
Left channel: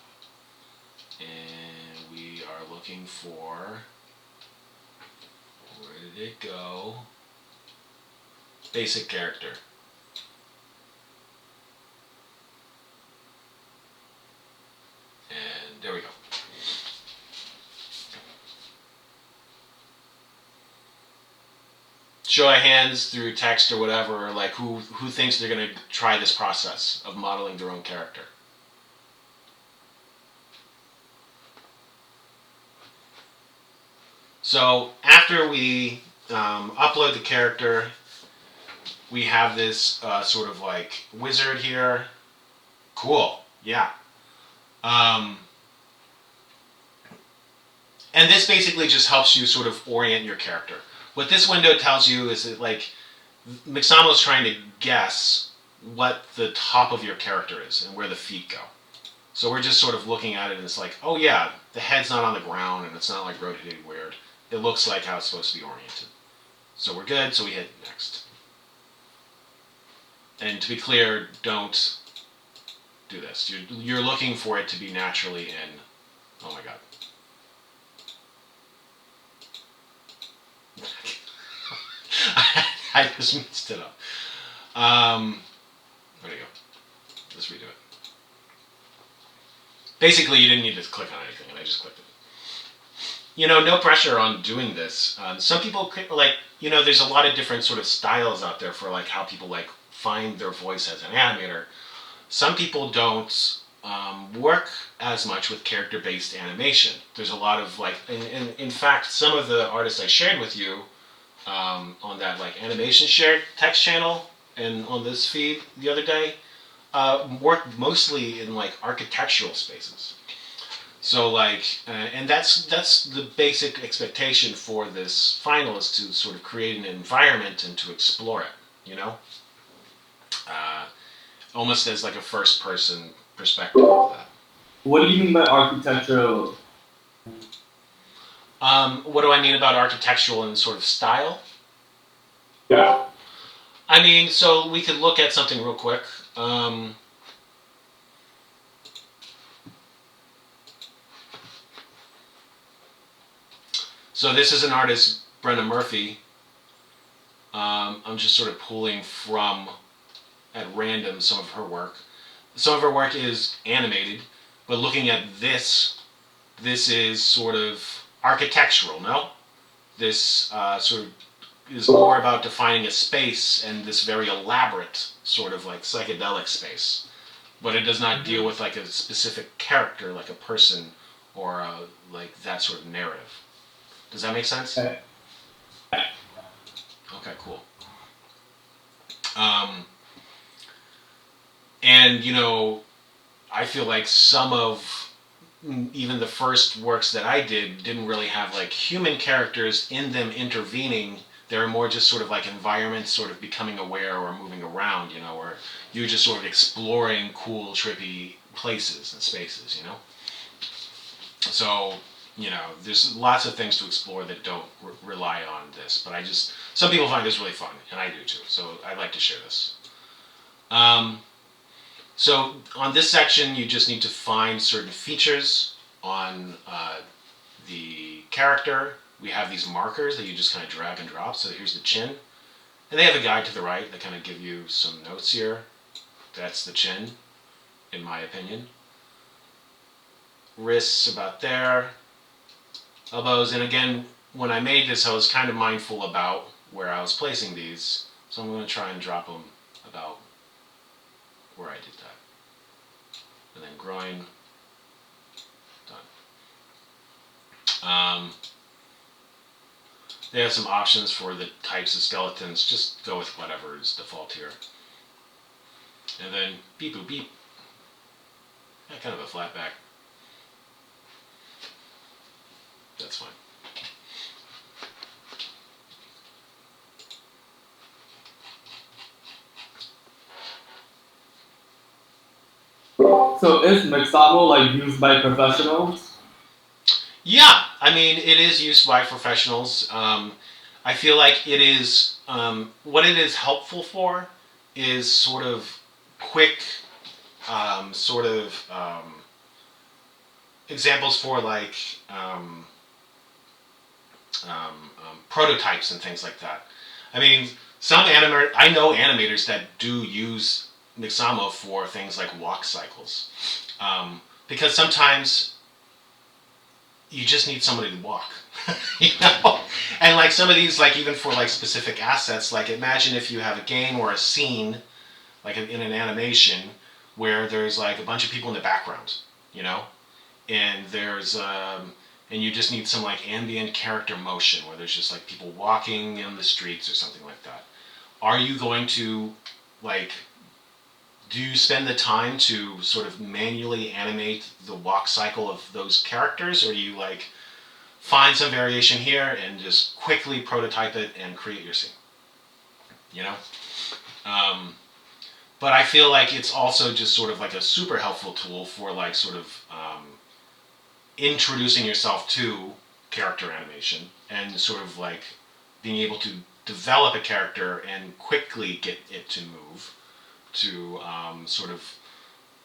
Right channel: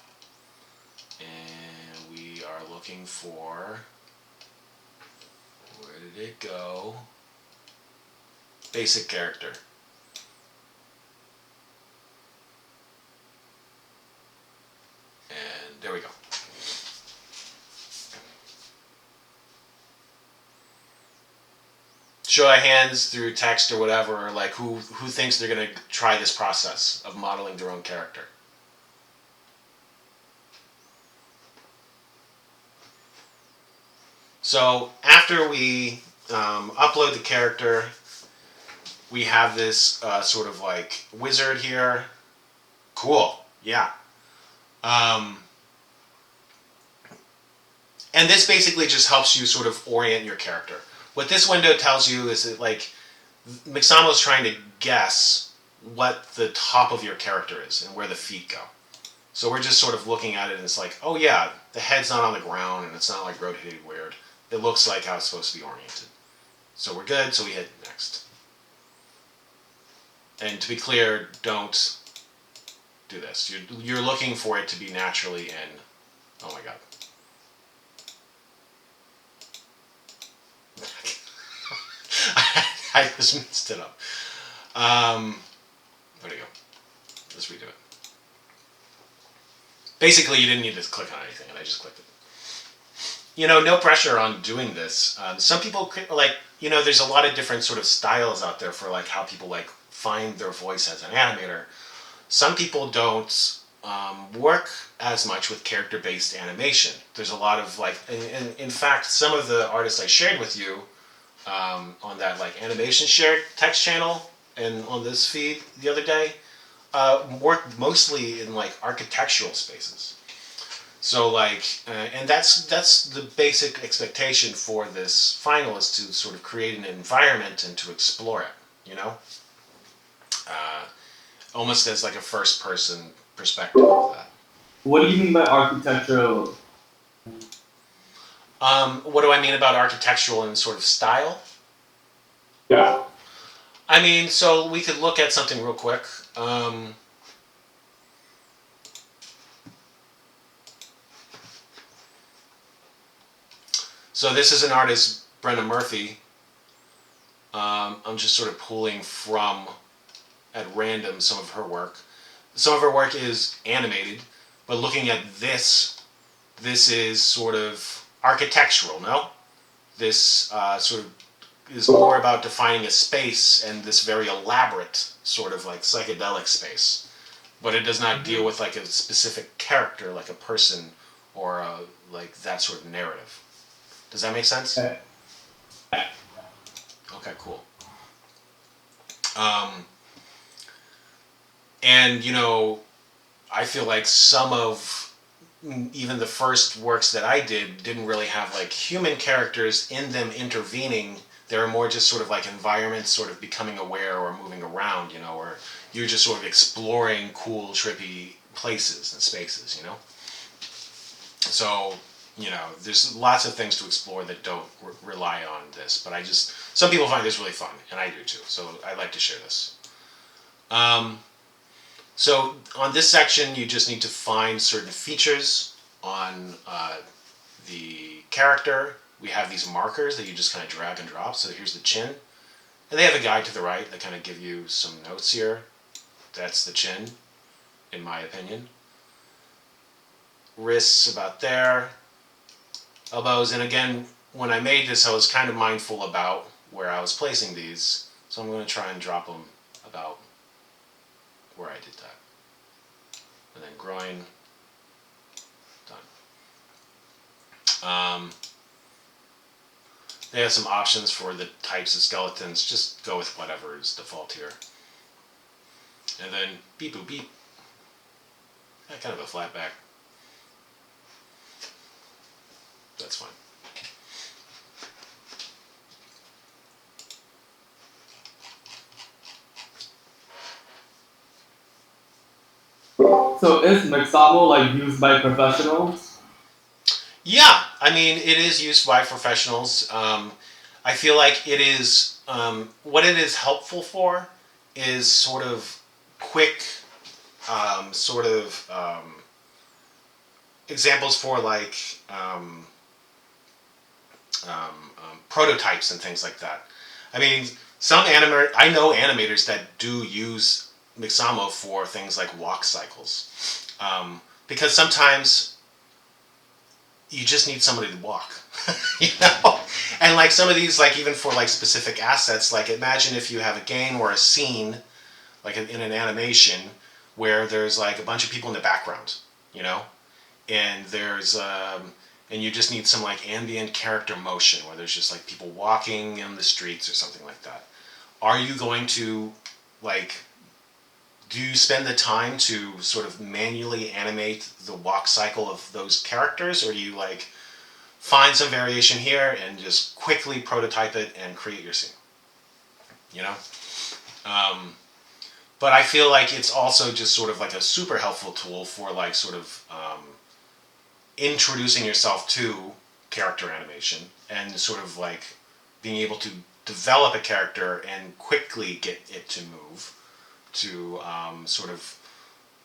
And we are looking for, where did it go? Basic character. And there we go. Show of hands through text or whatever, like who thinks they're going to try this process of modeling their own character? So after we upload the character, we have this sort of like wizard here. Cool, yeah. And this basically just helps you sort of orient your character. What this window tells you is that, like, Mixamo is trying to guess what the top of your character is and where the feet go. So we're just sort of looking at it and it's like, oh yeah, the head's not on the ground and it's not like rotated weird. It looks like how it's supposed to be oriented. So we're good, so we hit next. And to be clear, don't do this. You're looking for it to be naturally in. Oh my god. I just messed it up. There we go. Let's redo it. Basically, you didn't need to click on anything, and I just clicked it. You know, no pressure on doing this. Some people, like, you know, there's a lot of different sort of styles out there for, like, how people, like, find their voice as an animator. Some people don't work as much with character-based animation. There's a lot of, like, in fact, some of the artists I shared with you on that like animation shared text channel and on this feed the other day, work mostly in like architectural spaces. So like, and that's the basic expectation for this final, is to sort of create an environment and to explore it, you know, almost as like a first person perspective of that. What do you mean by architectural? What do I mean about architectural and sort of style? Yeah. I mean, so we could look at something real quick. So this is an artist, Brenna Murphy. I'm just sort of pulling from, at random, some of her work. Some of her work is animated, but looking at this is sort of architectural, no? This sort of is more about defining a space and this very elaborate sort of like psychedelic space. But it does not deal with like a specific character, like a person or like that sort of narrative. Does that make sense? Okay, cool. And I feel like some of even the first works that I didn't really have like human characters in them intervening. They were more just sort of like environments sort of becoming aware or moving around, or you're just sort of exploring cool, trippy places and spaces, So, there's lots of things to explore that don't rely on this, but some people find this really fun, and I do too, so I'd like to share this. So on this section, you just need to find certain features on the character. We have these markers that you just kind of drag and drop. So here's the chin. And they have a guide to the right that kind of give you some notes here. That's the chin, in my opinion. Wrists about there. Elbows. And again, when I made this, I was kind of mindful about where I was placing these. So I'm going to try and drop them about where I did that. And then groin. Done. They have some options for the types of skeletons. Just go with whatever is default here. And then beep boop beep. Yeah, kind of a flat back. That's fine. So is Mixamo like used by professionals? Yeah, I mean, it is used by professionals. I feel like it is, what it is helpful for is sort of quick, examples for like prototypes and things like that. I mean, I know animators that do use Mixamo for things like walk cycles, because sometimes you just need somebody to walk, And like some of these, like even for like specific assets, like imagine if you have a game or a scene, like in an animation, where there's like a bunch of people in the background, and and you just need some like ambient character motion where there's just like people walking in the streets or something like that. Are you going to like? Do you spend the time to sort of manually animate the walk cycle of those characters, or do you like find some variation here and just quickly prototype it and create your scene? But I feel like it's also just sort of like a super helpful tool for like sort of introducing yourself to character animation and sort of like being able to develop a character and quickly get it to move, to sort of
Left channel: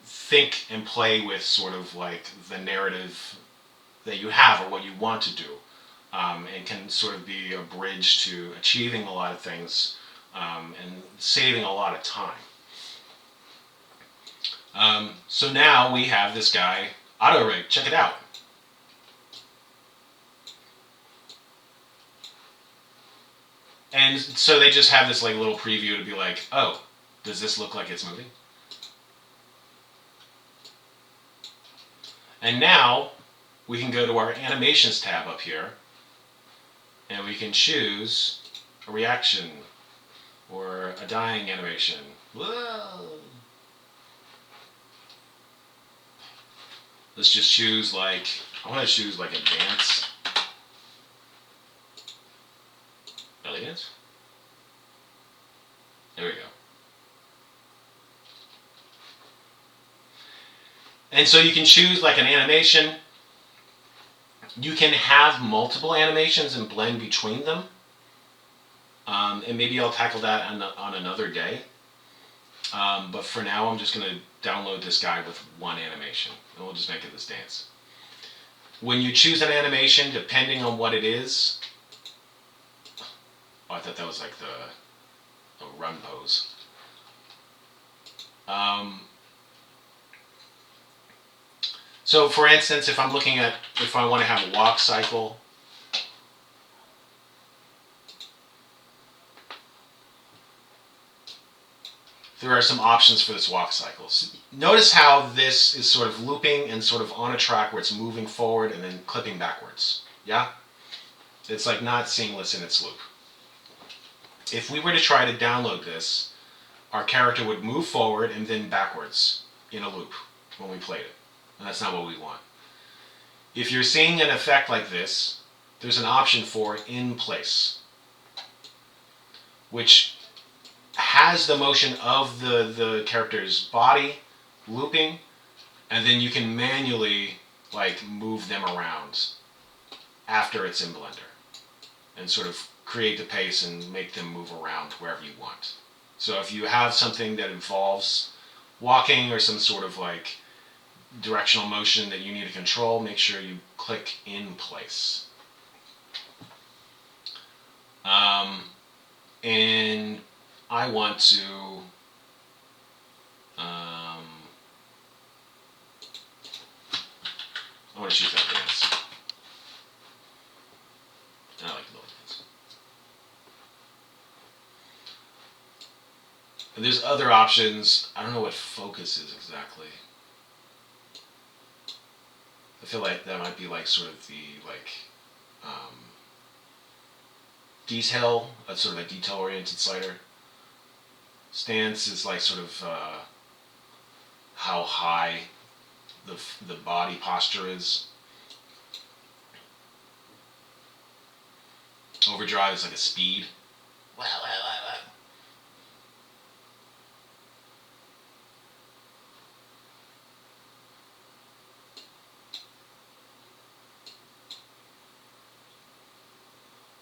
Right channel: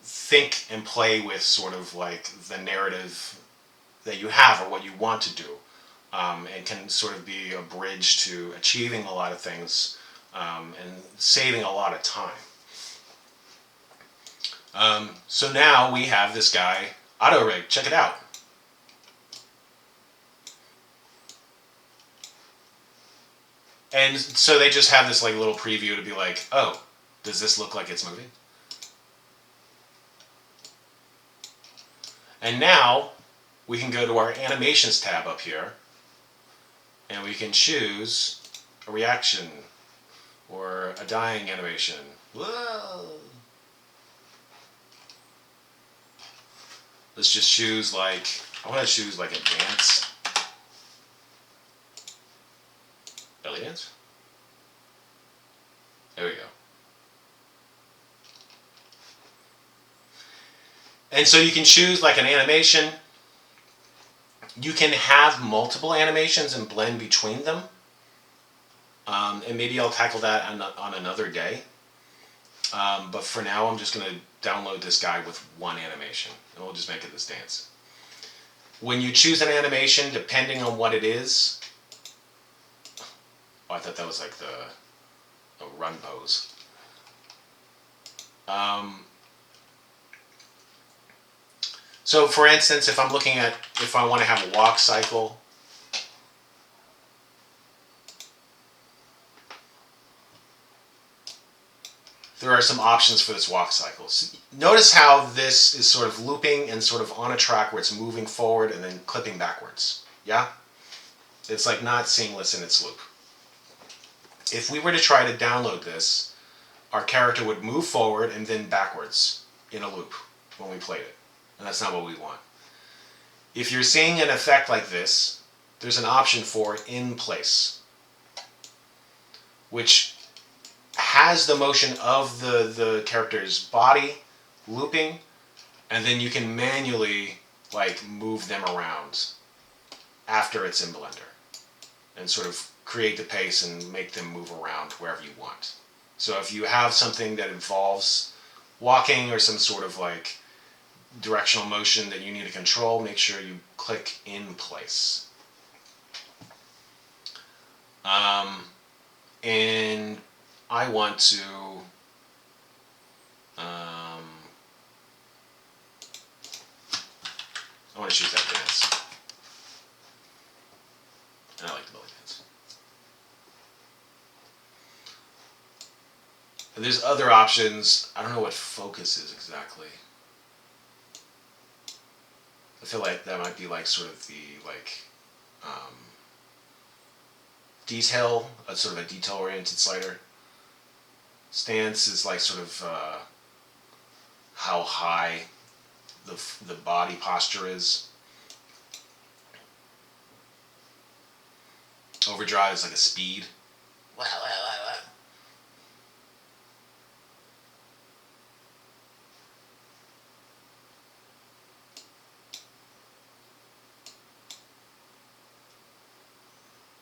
think and play with sort of like the narrative that you have or what you want to do, and can sort of be a bridge to achieving a lot of things, and saving a lot of time. So now we have this guy, AutoRig. Check it out. And so they just have this like little preview to be like, oh, does this look like it's moving? And now we can go to our animations tab up here, and we can choose a reaction or a dying animation. Whoa. Let's just choose like, I want to choose like a dance. Belly dance? There we go. And so you can choose like an animation. You can have multiple animations and blend between them. And maybe I'll tackle that on another day. But for now, I'm just going to download this guy with one animation. And we'll just make it this dance. When you choose an animation, depending on what it is... Oh, I thought that was like the run pose. So for instance, if I want to have a walk cycle, there are some options for this walk cycle. So notice how this is sort of looping and sort of on a track where it's moving forward and then clipping backwards. Yeah? It's like not seamless in its loop. if we were to try to download this, our character would move forward and then backwards in a loop when we played it. And that's not what we want. If you're seeing an effect like this, there's an option for in place, which has the motion of the character's body looping, and then you can manually like move them around after it's in Blender and sort of create the pace and make them move around wherever you want. So if you have something that involves walking or some sort of like directional motion that you need to control, make sure you click in place. And I want to shoot that dance. I like the belly dance. And there's other options. I don't know what focus is exactly. I feel like that might be like sort of the detail, sort of a detail-oriented slider. Stance is like sort of how high the body posture is. Overdrive is like a speed. Wow, wow, wow, wow.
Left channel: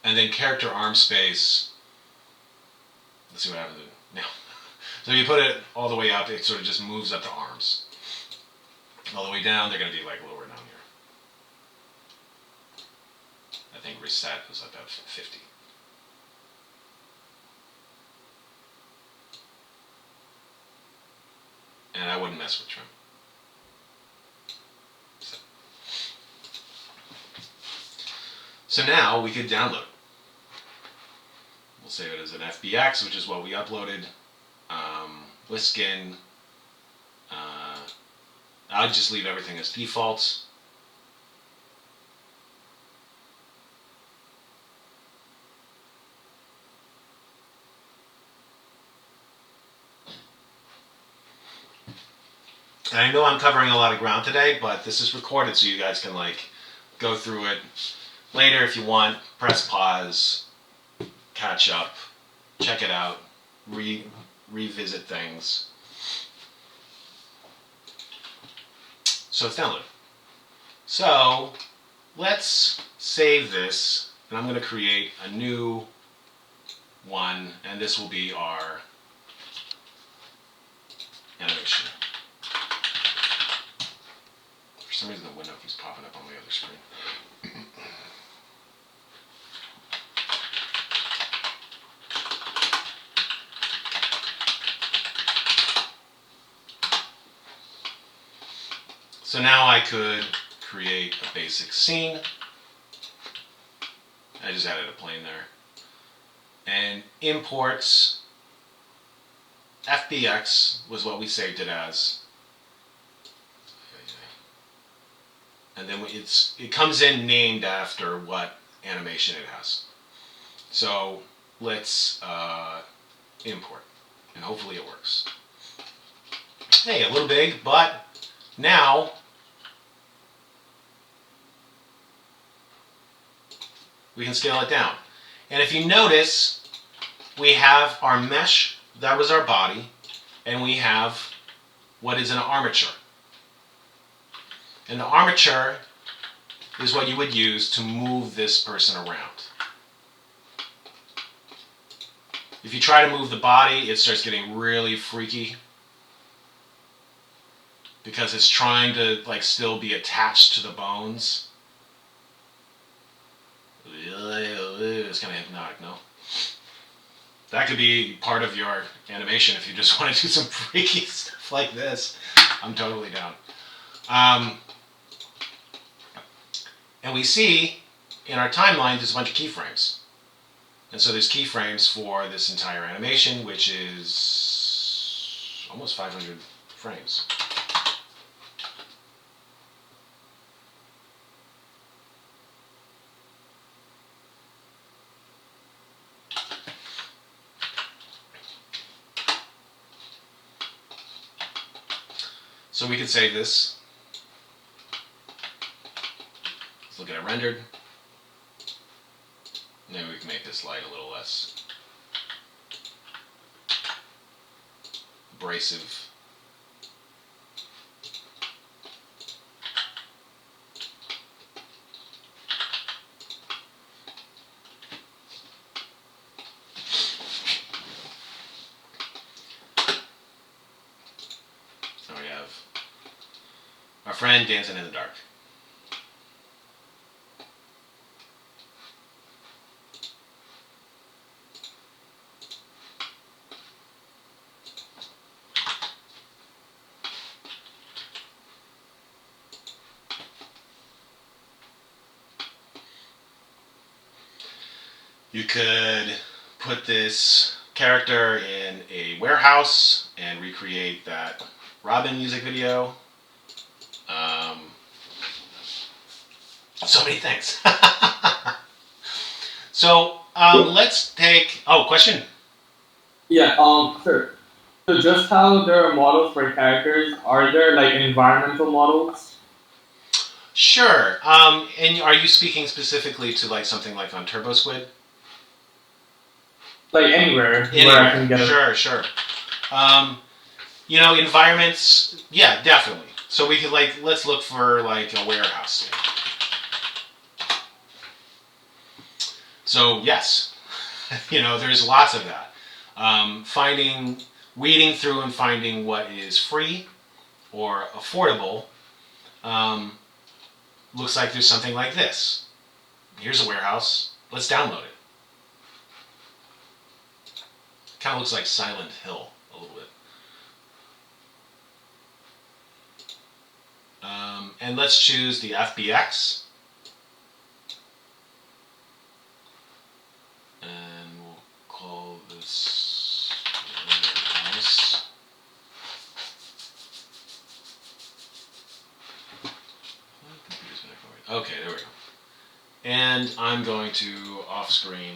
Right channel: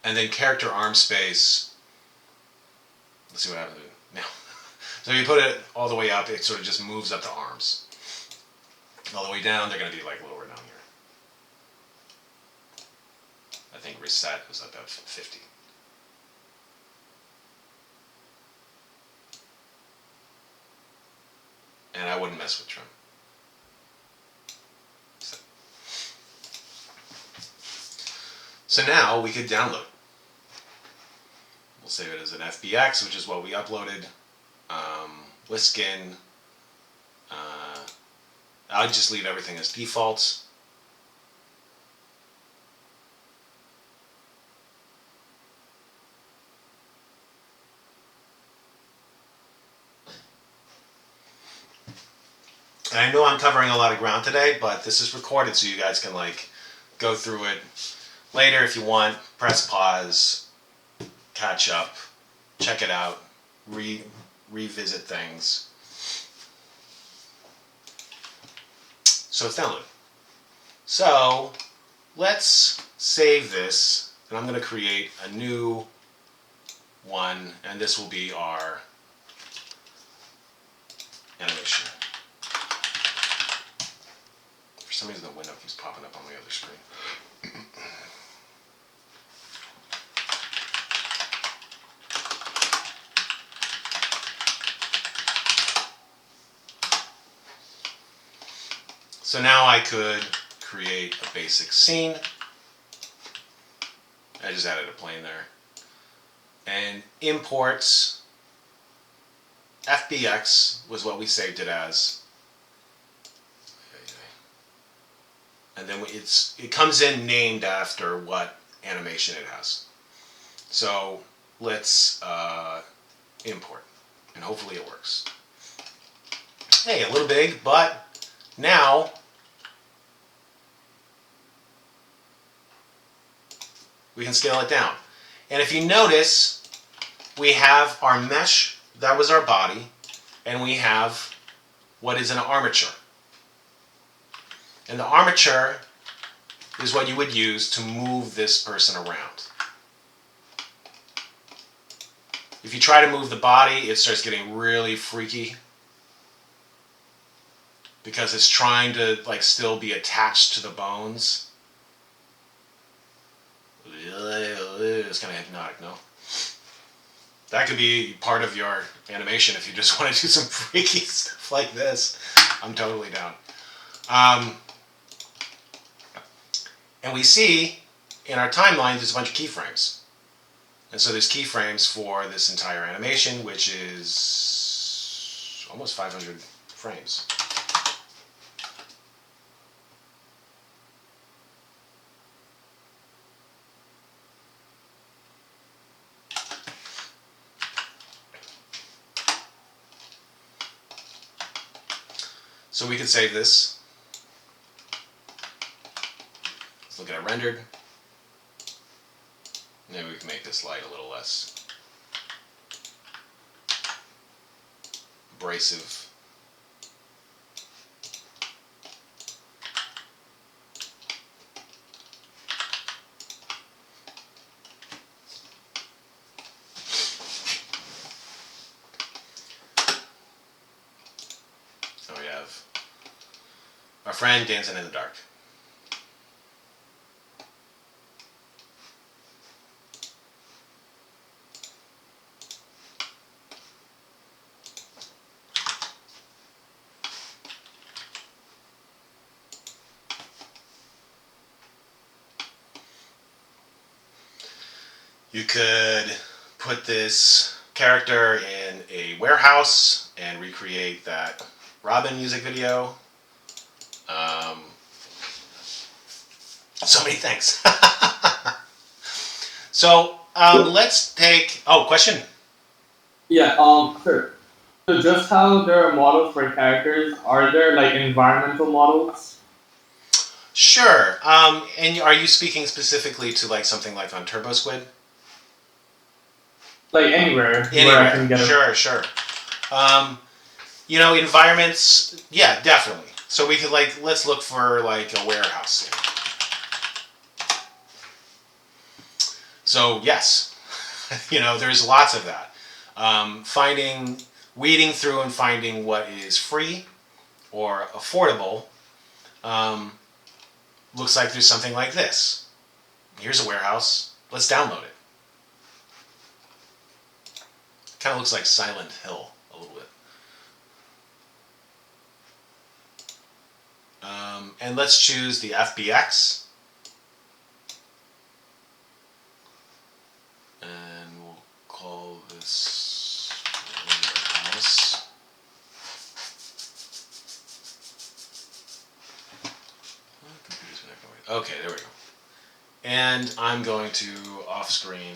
And then character arm space. Let's see what happens now. So you put it all the way up, it sort of just moves up the arms. All the way down, they're going to be like lower down here. I think reset is about 50. And I wouldn't mess with trim. So now we could download. We'll save it as an FBX, which is what we uploaded. With skin. I'll just leave everything as default. And I know I'm covering a lot of ground today, but this is recorded so you guys can like go through it later if you want. Press pause, catch up, check it out, revisit things. So it's downloaded. So let's save this, and I'm going to create a new one, and this will be our animation. For some reason the window keeps popping up on the other screen. So now I could create a basic scene. I just added a plane there. And imports FBX was what we saved it as. And then it comes in named after what animation it has. So let's import, and hopefully it works. Hey, a little big, but now we can scale it down. And if you notice, we have our mesh, that was our body, and we have what is an armature. And the armature is what you would use to move this person around. If you try to move the body, it starts getting really freaky because it's trying to like still be attached to the bones. It's kind of hypnotic, no? That could be part of your animation if you just want to do some freaky stuff like this. I'm totally down. And we see in our timeline there's a bunch of keyframes. And so there's keyframes for this entire animation, which is almost 500 frames. So we could save this. Let's look at it rendered. Maybe we can make this light a little less abrasive. So we have our friend dancing in the dark. You could put this character in a warehouse and recreate that Robin music video. So many things. So let's take. Oh, question. Yeah. Sure. So just how there are models for characters, are there like environmental models? Sure. And are you speaking specifically to like something like on Turbo Squid? Like anywhere where I can get it. Sure. You know, environments. Yeah, definitely. So we could like let's look for like a warehouse scene. So yes, you know, there's lots of that. Weeding through and finding what is free or affordable. Looks like there's something like this. Here's a warehouse. Let's download it. Kind of looks like Silent Hill a little bit. And let's choose the FBX. And we'll call this warehouse. Okay, there we go. And I'm going to off-screen.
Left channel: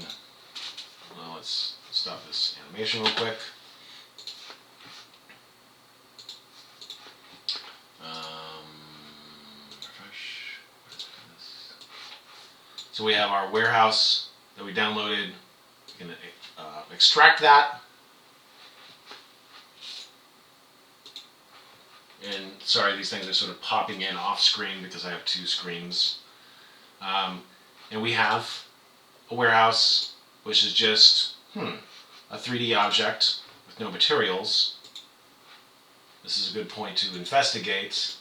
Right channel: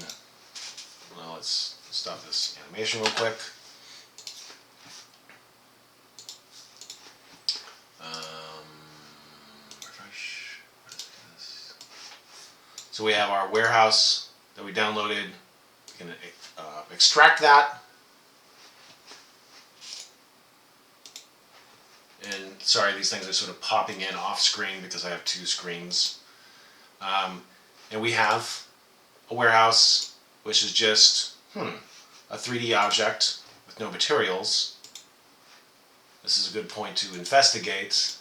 Well, let's stop this animation real quick. Refresh. What is this? So we have our warehouse that we downloaded. We can extract that. And sorry, these things are sort of popping in off screen because I have two screens. And we have a warehouse, which is just a 3D object with no materials. This is a good point to investigate.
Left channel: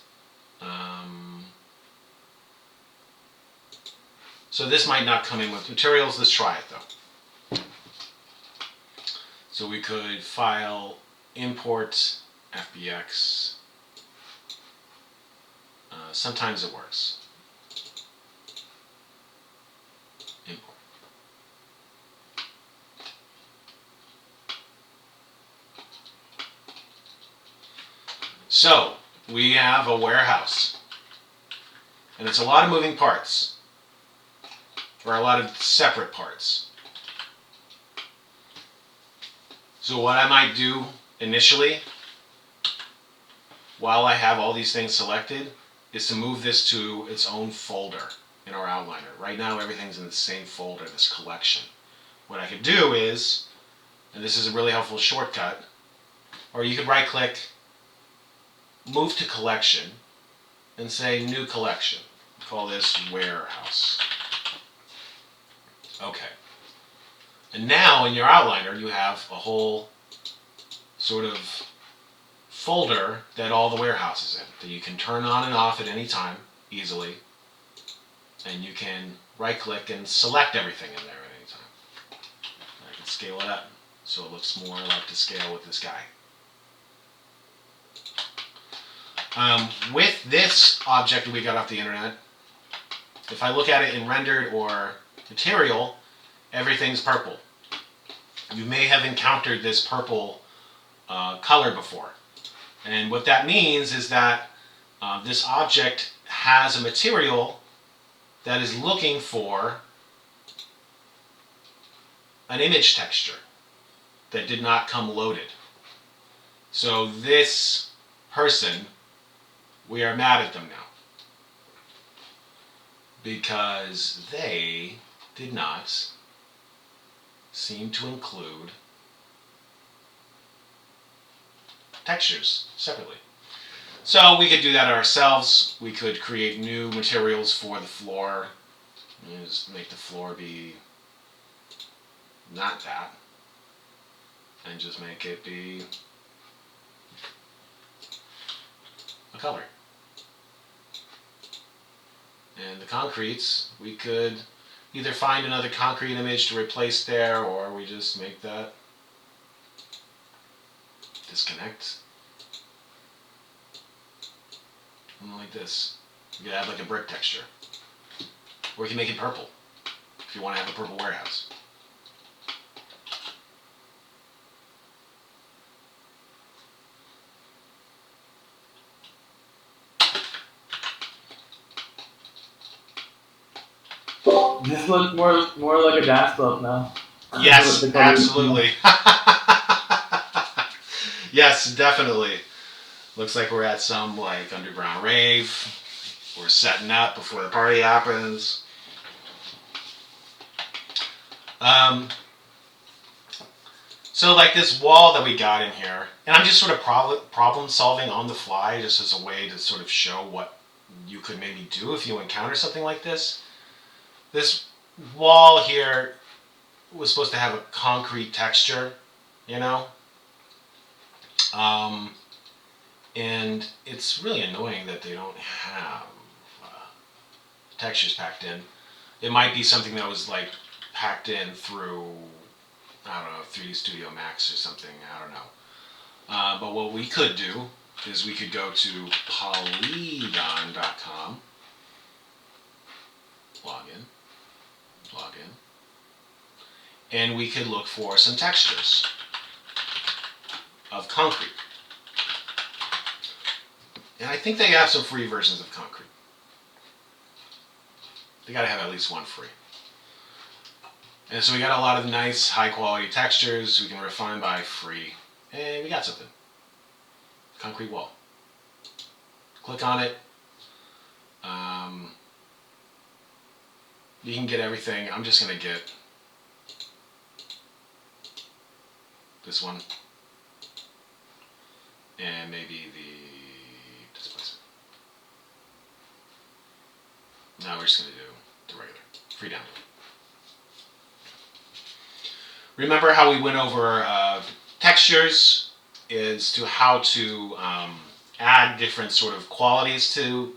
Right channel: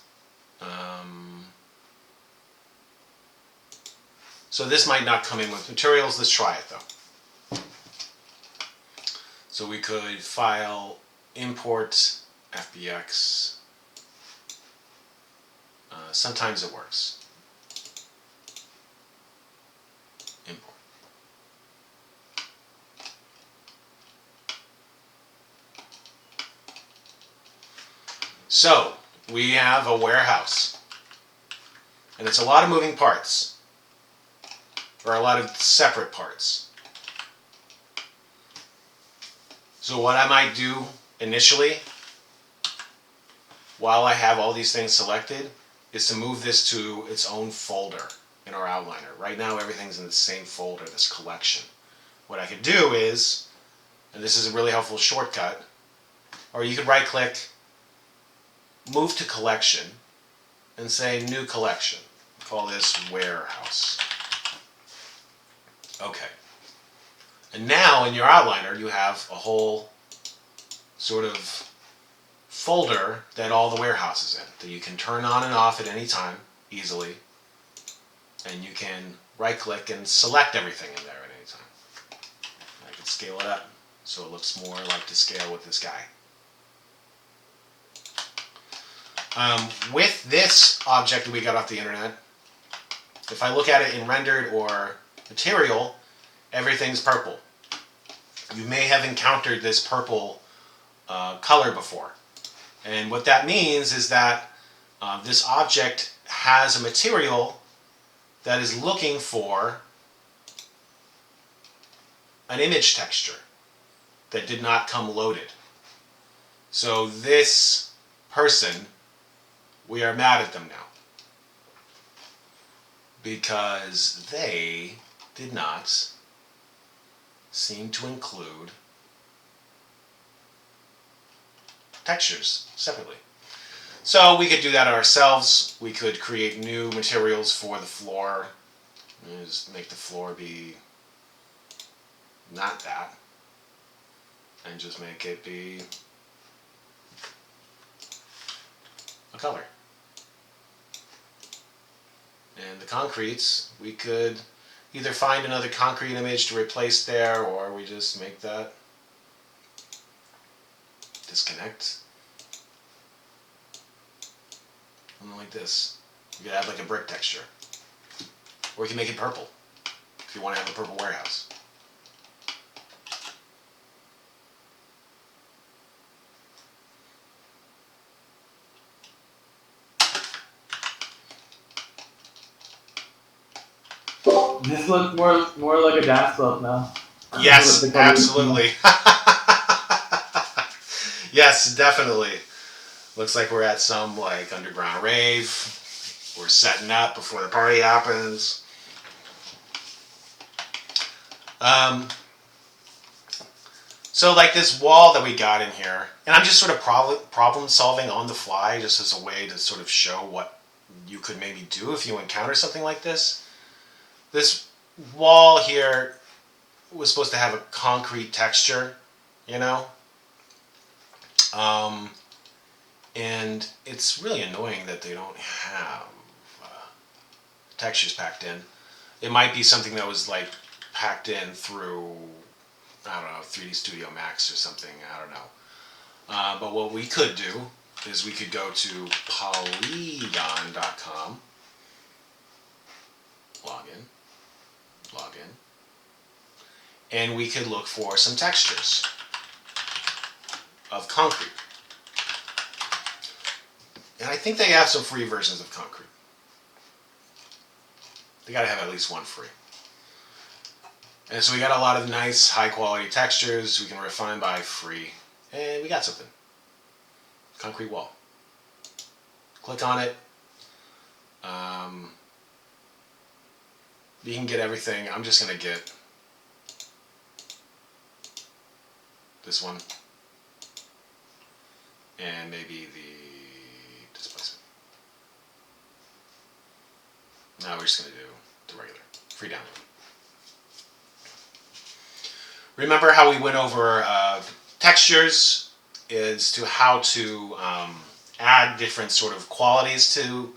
So this might not come in with materials. Let's try it though. So we could file import FBX. Sometimes it works. Import. So we have a warehouse, and it's a lot of moving parts, or a lot of separate parts. So what I might do initially, while I have all these things selected, is to move this to its own folder in our outliner. Right now everything's in the same folder, this collection. What I could do is, and this is a really helpful shortcut, or you could right click, move to collection, and say new collection. Call this warehouse. Okay. And now in your outliner you have a whole sort of folder that all the warehouse is in, that you can turn on and off at any time easily, and you can right click and select everything in there at any time. I can scale it up so it looks more like to scale with this guy. With this object that we got off the internet, if I look at it in rendered or material, everything's purple. You may have encountered this purple color before. And what that means is that this object has a material that is looking for an image texture that did not come loaded. So this person we are mad at them now because they did not seem to include textures separately. So we could do that ourselves. We could create new materials for the floor. Just make the floor be not that. And just make it be a color. And the concretes, we could either find another concrete image to replace there, or we just make that disconnect. Something like this. We could add like a brick texture. Or we can make it purple, if you want to have a purple warehouse. This looks more like a dance club now. Yes, The colors. absolutely. Yes, definitely. Looks like we're at some like underground rave. We're setting up before the party happens. So like this wall that we got in here, and I'm just sort of problem solving on the fly, just as a way to sort of show what you could maybe do if you encounter something like this. This wall here was supposed to have a concrete texture, you know? And it's really annoying that they don't have textures packed in. It might be something that was like packed in through, I don't know, 3D Studio Max or something, I don't know. But what we could do is we could go to polygon.com, log in, and we could look for some textures of concrete. And I think they have some free versions of concrete. They gotta have at least one free. And so we got a lot of nice, high quality textures we can refine by free. And we got something. Concrete wall. Click on it. You can get everything. I'm just gonna get this one. And maybe the displacement. Now we're just going to do the regular, free download. Remember how we went over textures as to how to add different sort of qualities to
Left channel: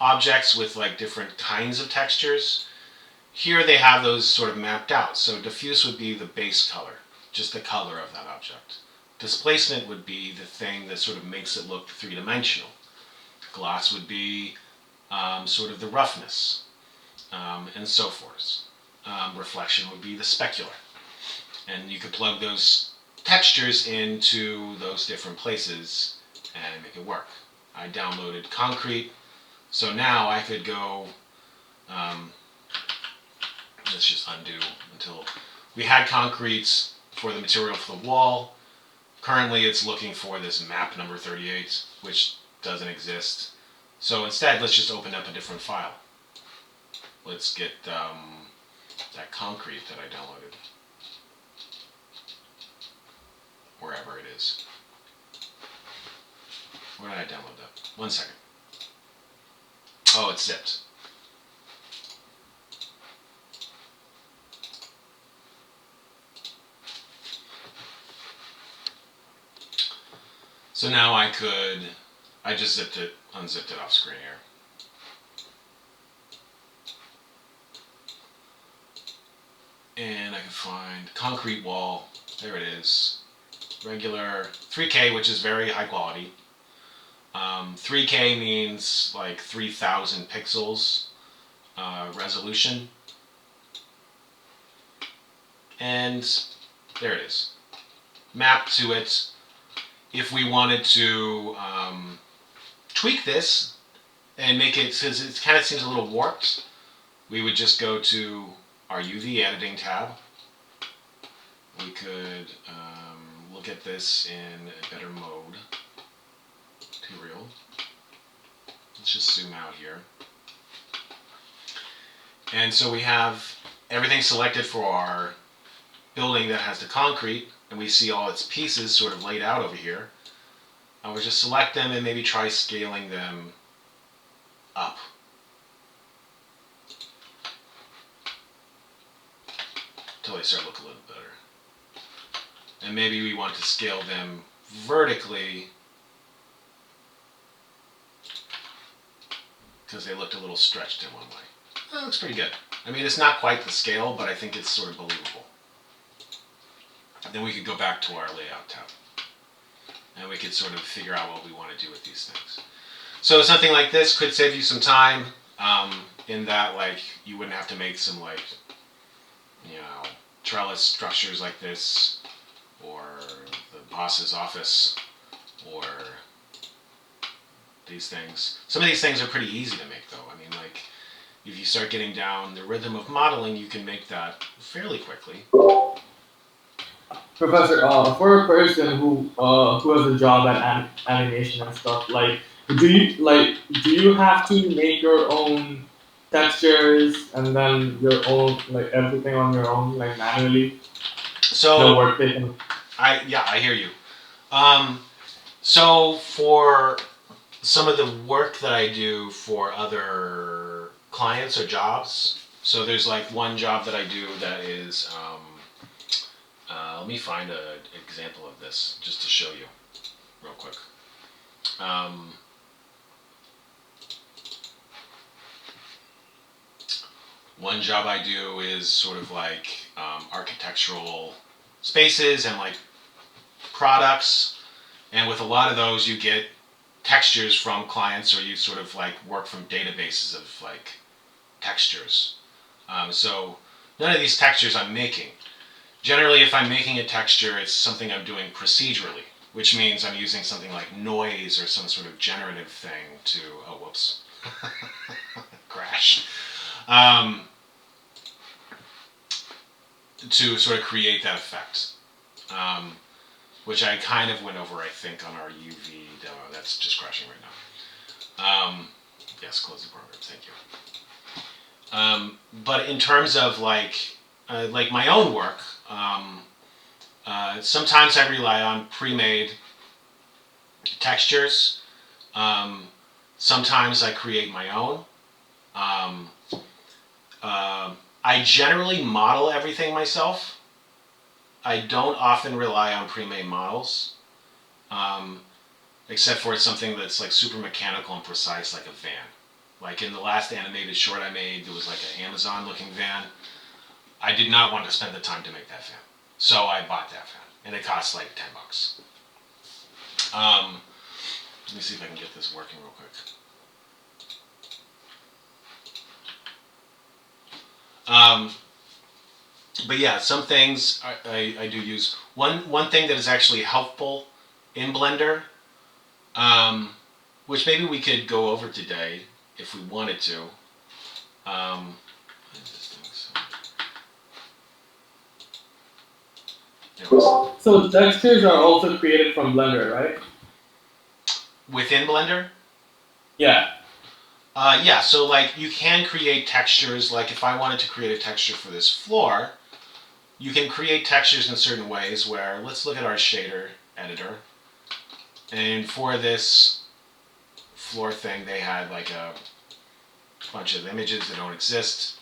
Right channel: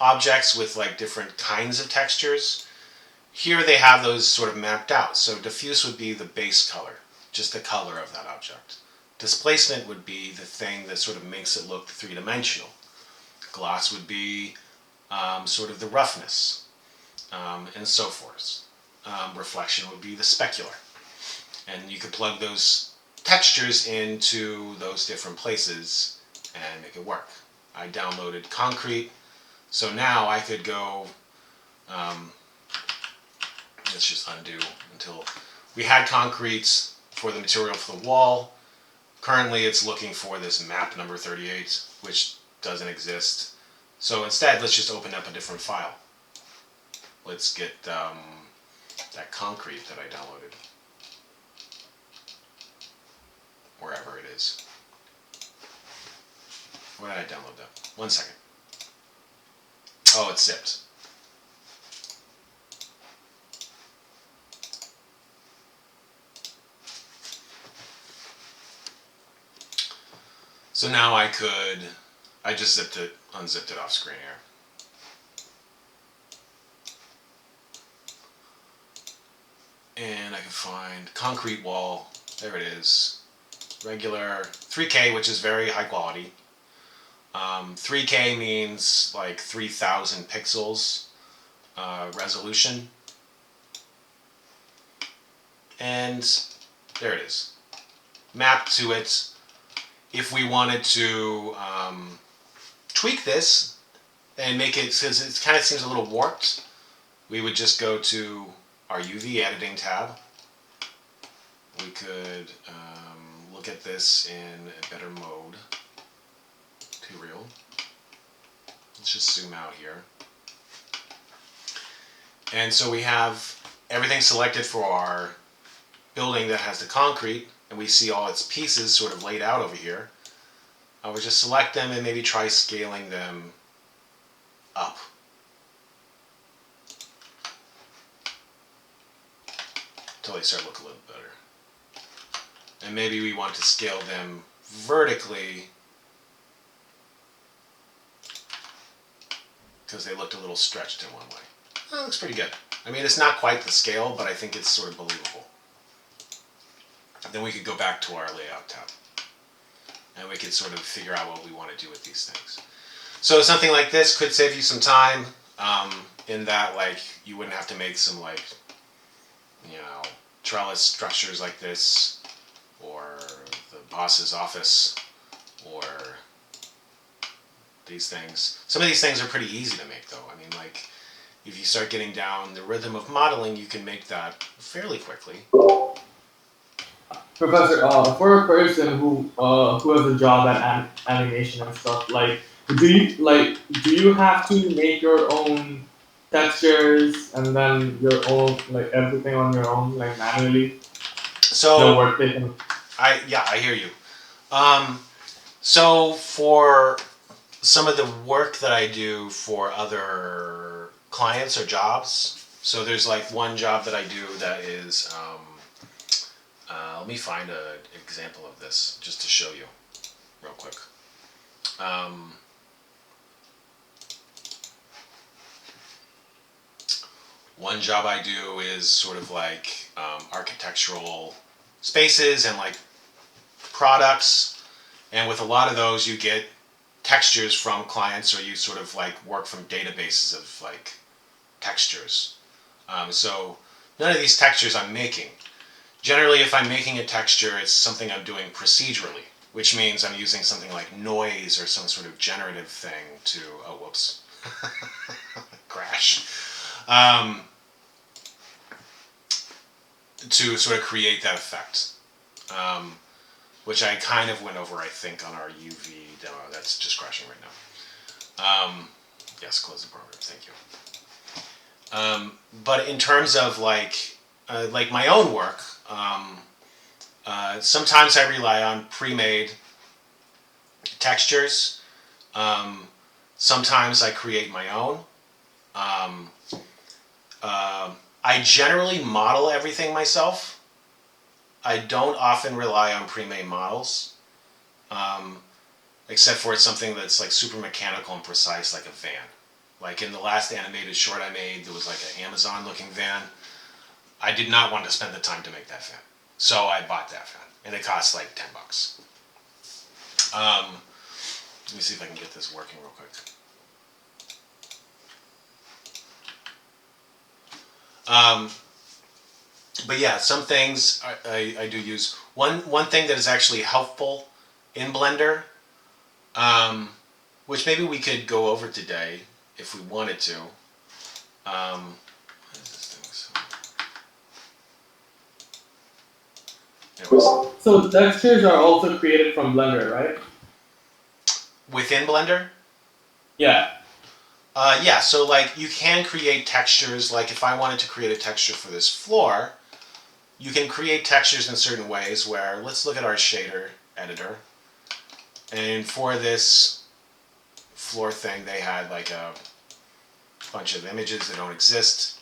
objects with like different kinds of textures? Here they have those sort of mapped out. So diffuse would be the base color, just the color of that object. Displacement would be the thing that sort of makes it look three-dimensional. Gloss would be sort of the roughness, and so forth. Reflection would be the specular. And you could plug those textures into those different places and make it work. I downloaded concrete, so now I could go, let's just undo until we had concrete for the material for the wall. Currently it's looking for this map number 38, which doesn't exist. So instead, let's just open up a different file. Let's get that concrete that I downloaded. Wherever it is. Where did I download that? 1 second. Oh, it's zipped. So now I just unzipped it off screen here. And I can find concrete wall, there it is. Regular 3K, which is very high quality. 3K means like 3,000 pixels resolution. And there it is. Mapped to it. If we wanted to tweak this and make it, since it kind of seems a little warped, we would just go to our UV editing tab. We could look at this in a better mode. Too real. Let's just zoom out here. And so we have everything selected for our building that has the concrete, and we see all its pieces sort of laid out over here. I would just select them and maybe try scaling them up. Until they start to look a little better. And maybe we want to scale them vertically because they looked a little stretched in one way. That looks pretty good. I mean, it's not quite the scale, but I think it's sort of believable. Then we could go back to our layout tab. And we could sort of figure out what we want to do with these things. So something like this could save you some time in that, like, you wouldn't have to make some, like, you know, trellis structures like this, or the boss's office, or these things. Some of these things are pretty easy to make, though. I mean, like, if you start getting down the rhythm of modeling, you can make that fairly quickly. Professor, for a person who has a job at animation and stuff, like, do you have to make your own textures and then your own, like, everything on your own, like, manually? So No work taken. I hear you. So for some of the work that I do for other clients or jobs, so there's like one job that I do that is, let me find an example of this just to show you real quick. One job I do is sort of like architectural spaces and like products, and with a lot of those you get textures from clients, or you sort of like work from databases of like textures. So none of these textures I'm making. Generally, if I'm making a texture, it's something I'm doing procedurally, which means I'm using something like noise or some sort of generative thing to, oh whoops, crash, to sort of create that effect. Which I kind of went over, I think, on our UV demo. That's just crashing right now. Yes, close the program. Thank you. But in terms of like my own work, sometimes I rely on pre-made textures. Sometimes I create my own. I generally model everything myself. I don't often rely on pre-made models, except for it's something that's like super mechanical and precise, like a van. Like in the last animated short I made, there was like an Amazon-looking van. I did not want to spend the time to make that van, so I bought that van, and it cost like $10. Let me see if I can get this working real quick. But yeah, some things I do use. One thing that is actually helpful in Blender, which maybe we could go over today if we wanted to. What is this thing? Anyways, So textures are also created from Blender, right? within Blender? Yeah. Yeah, so like you can create textures. Like if I wanted to create a texture for this floor, you can create textures in certain ways where, let's look at our shader editor. And for this floor thing, they had like a bunch of images that don't exist.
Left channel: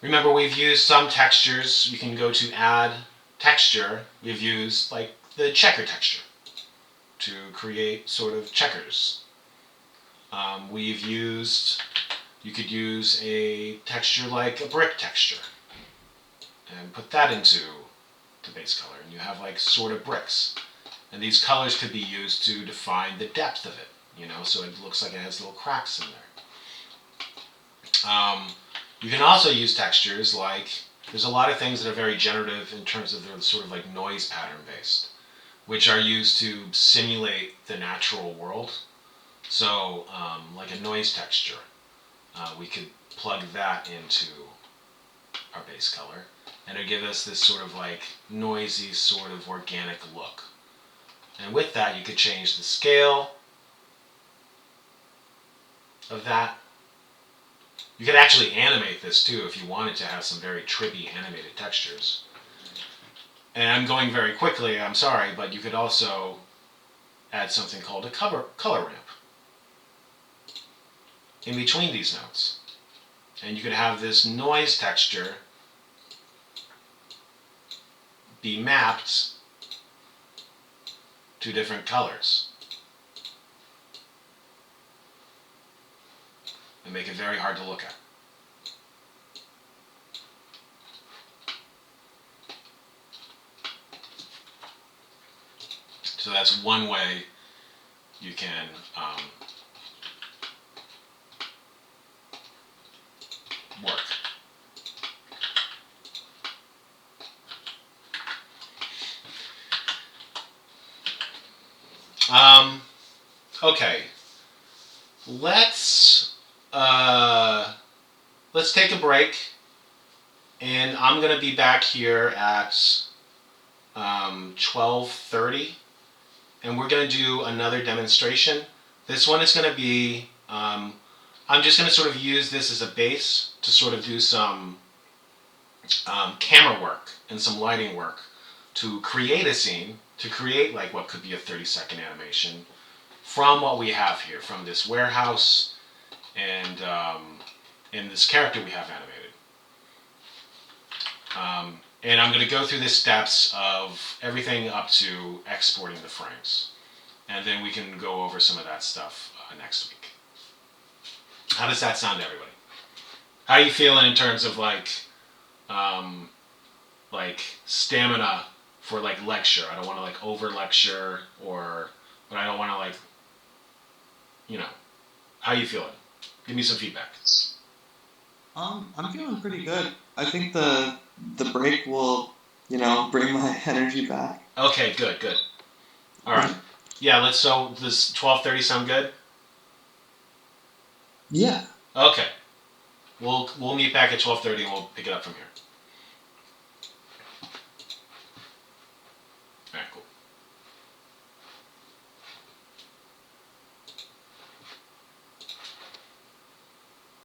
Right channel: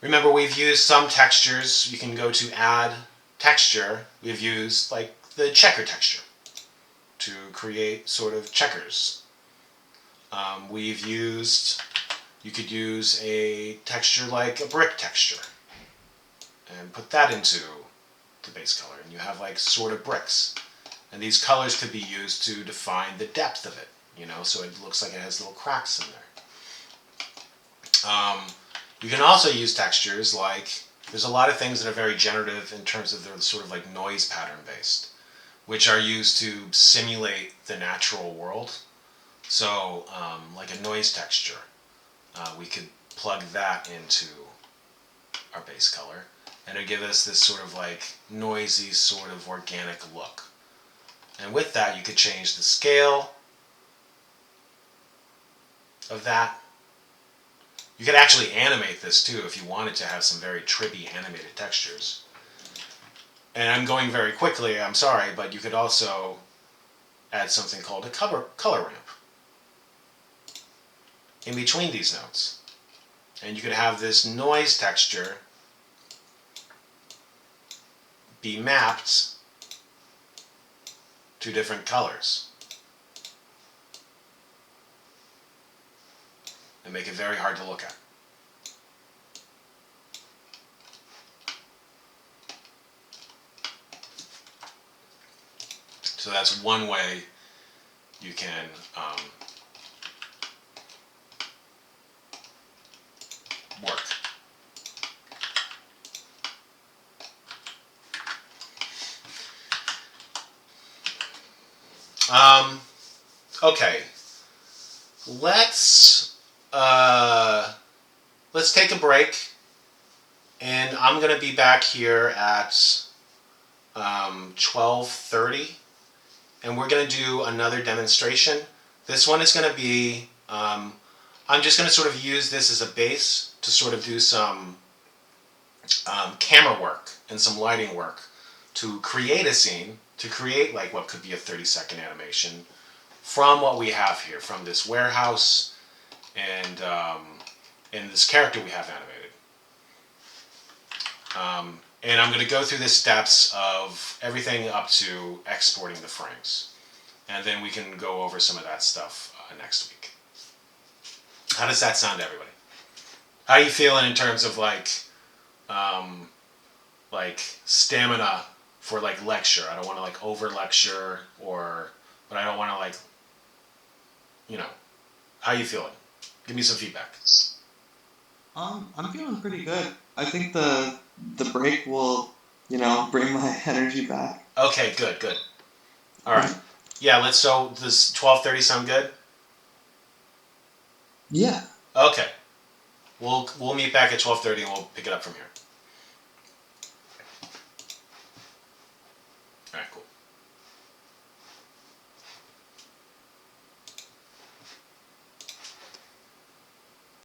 Remember, we've used some textures. You can go to add texture. We've used like the checker texture to create sort of checkers. We've used, you could use a texture like a brick texture and put that into the base color, and you have like sort of bricks. And these colors could be used to define the depth of it, you know, so it looks like it has little cracks in there. You can also use textures like, there's a lot of things that are very generative in terms of they're sort of like noise pattern based, which are used to simulate the natural world. So like a noise texture, we could plug that into our base color, and it'll give us this sort of like noisy sort of organic look. And with that you could change the scale, of that. You could actually animate this too if you wanted to have some very trippy animated textures. And I'm going very quickly, I'm sorry, but you could also add something called a color ramp in between these notes. And you could have this noise texture be mapped to different colors and make it very hard to look at. So that's one way you can work. Okay, let's take a break, and I'm gonna be back here at 12:30, and we're gonna do another demonstration. This one is gonna be I'm just gonna sort of use this as a base to sort of do some camera work and some lighting work to create a scene, to create like what could be a 30-second animation from what we have here, from this warehouse and this character we have animated. And I'm going to go through the steps of everything up to exporting the frames. And then we can go over some of that stuff next week. How does that sound to everybody? How are you feeling in terms of like stamina for like lecture? I don't want to like over lecture but I don't want to like, how are you feeling? Give me some feedback. I'm feeling pretty good. I think the break will, bring my energy back. Okay, good. All right. Yeah, so does 12:30 sound good? Yeah. Okay. We'll meet back at 12:30 and we'll pick it up from here.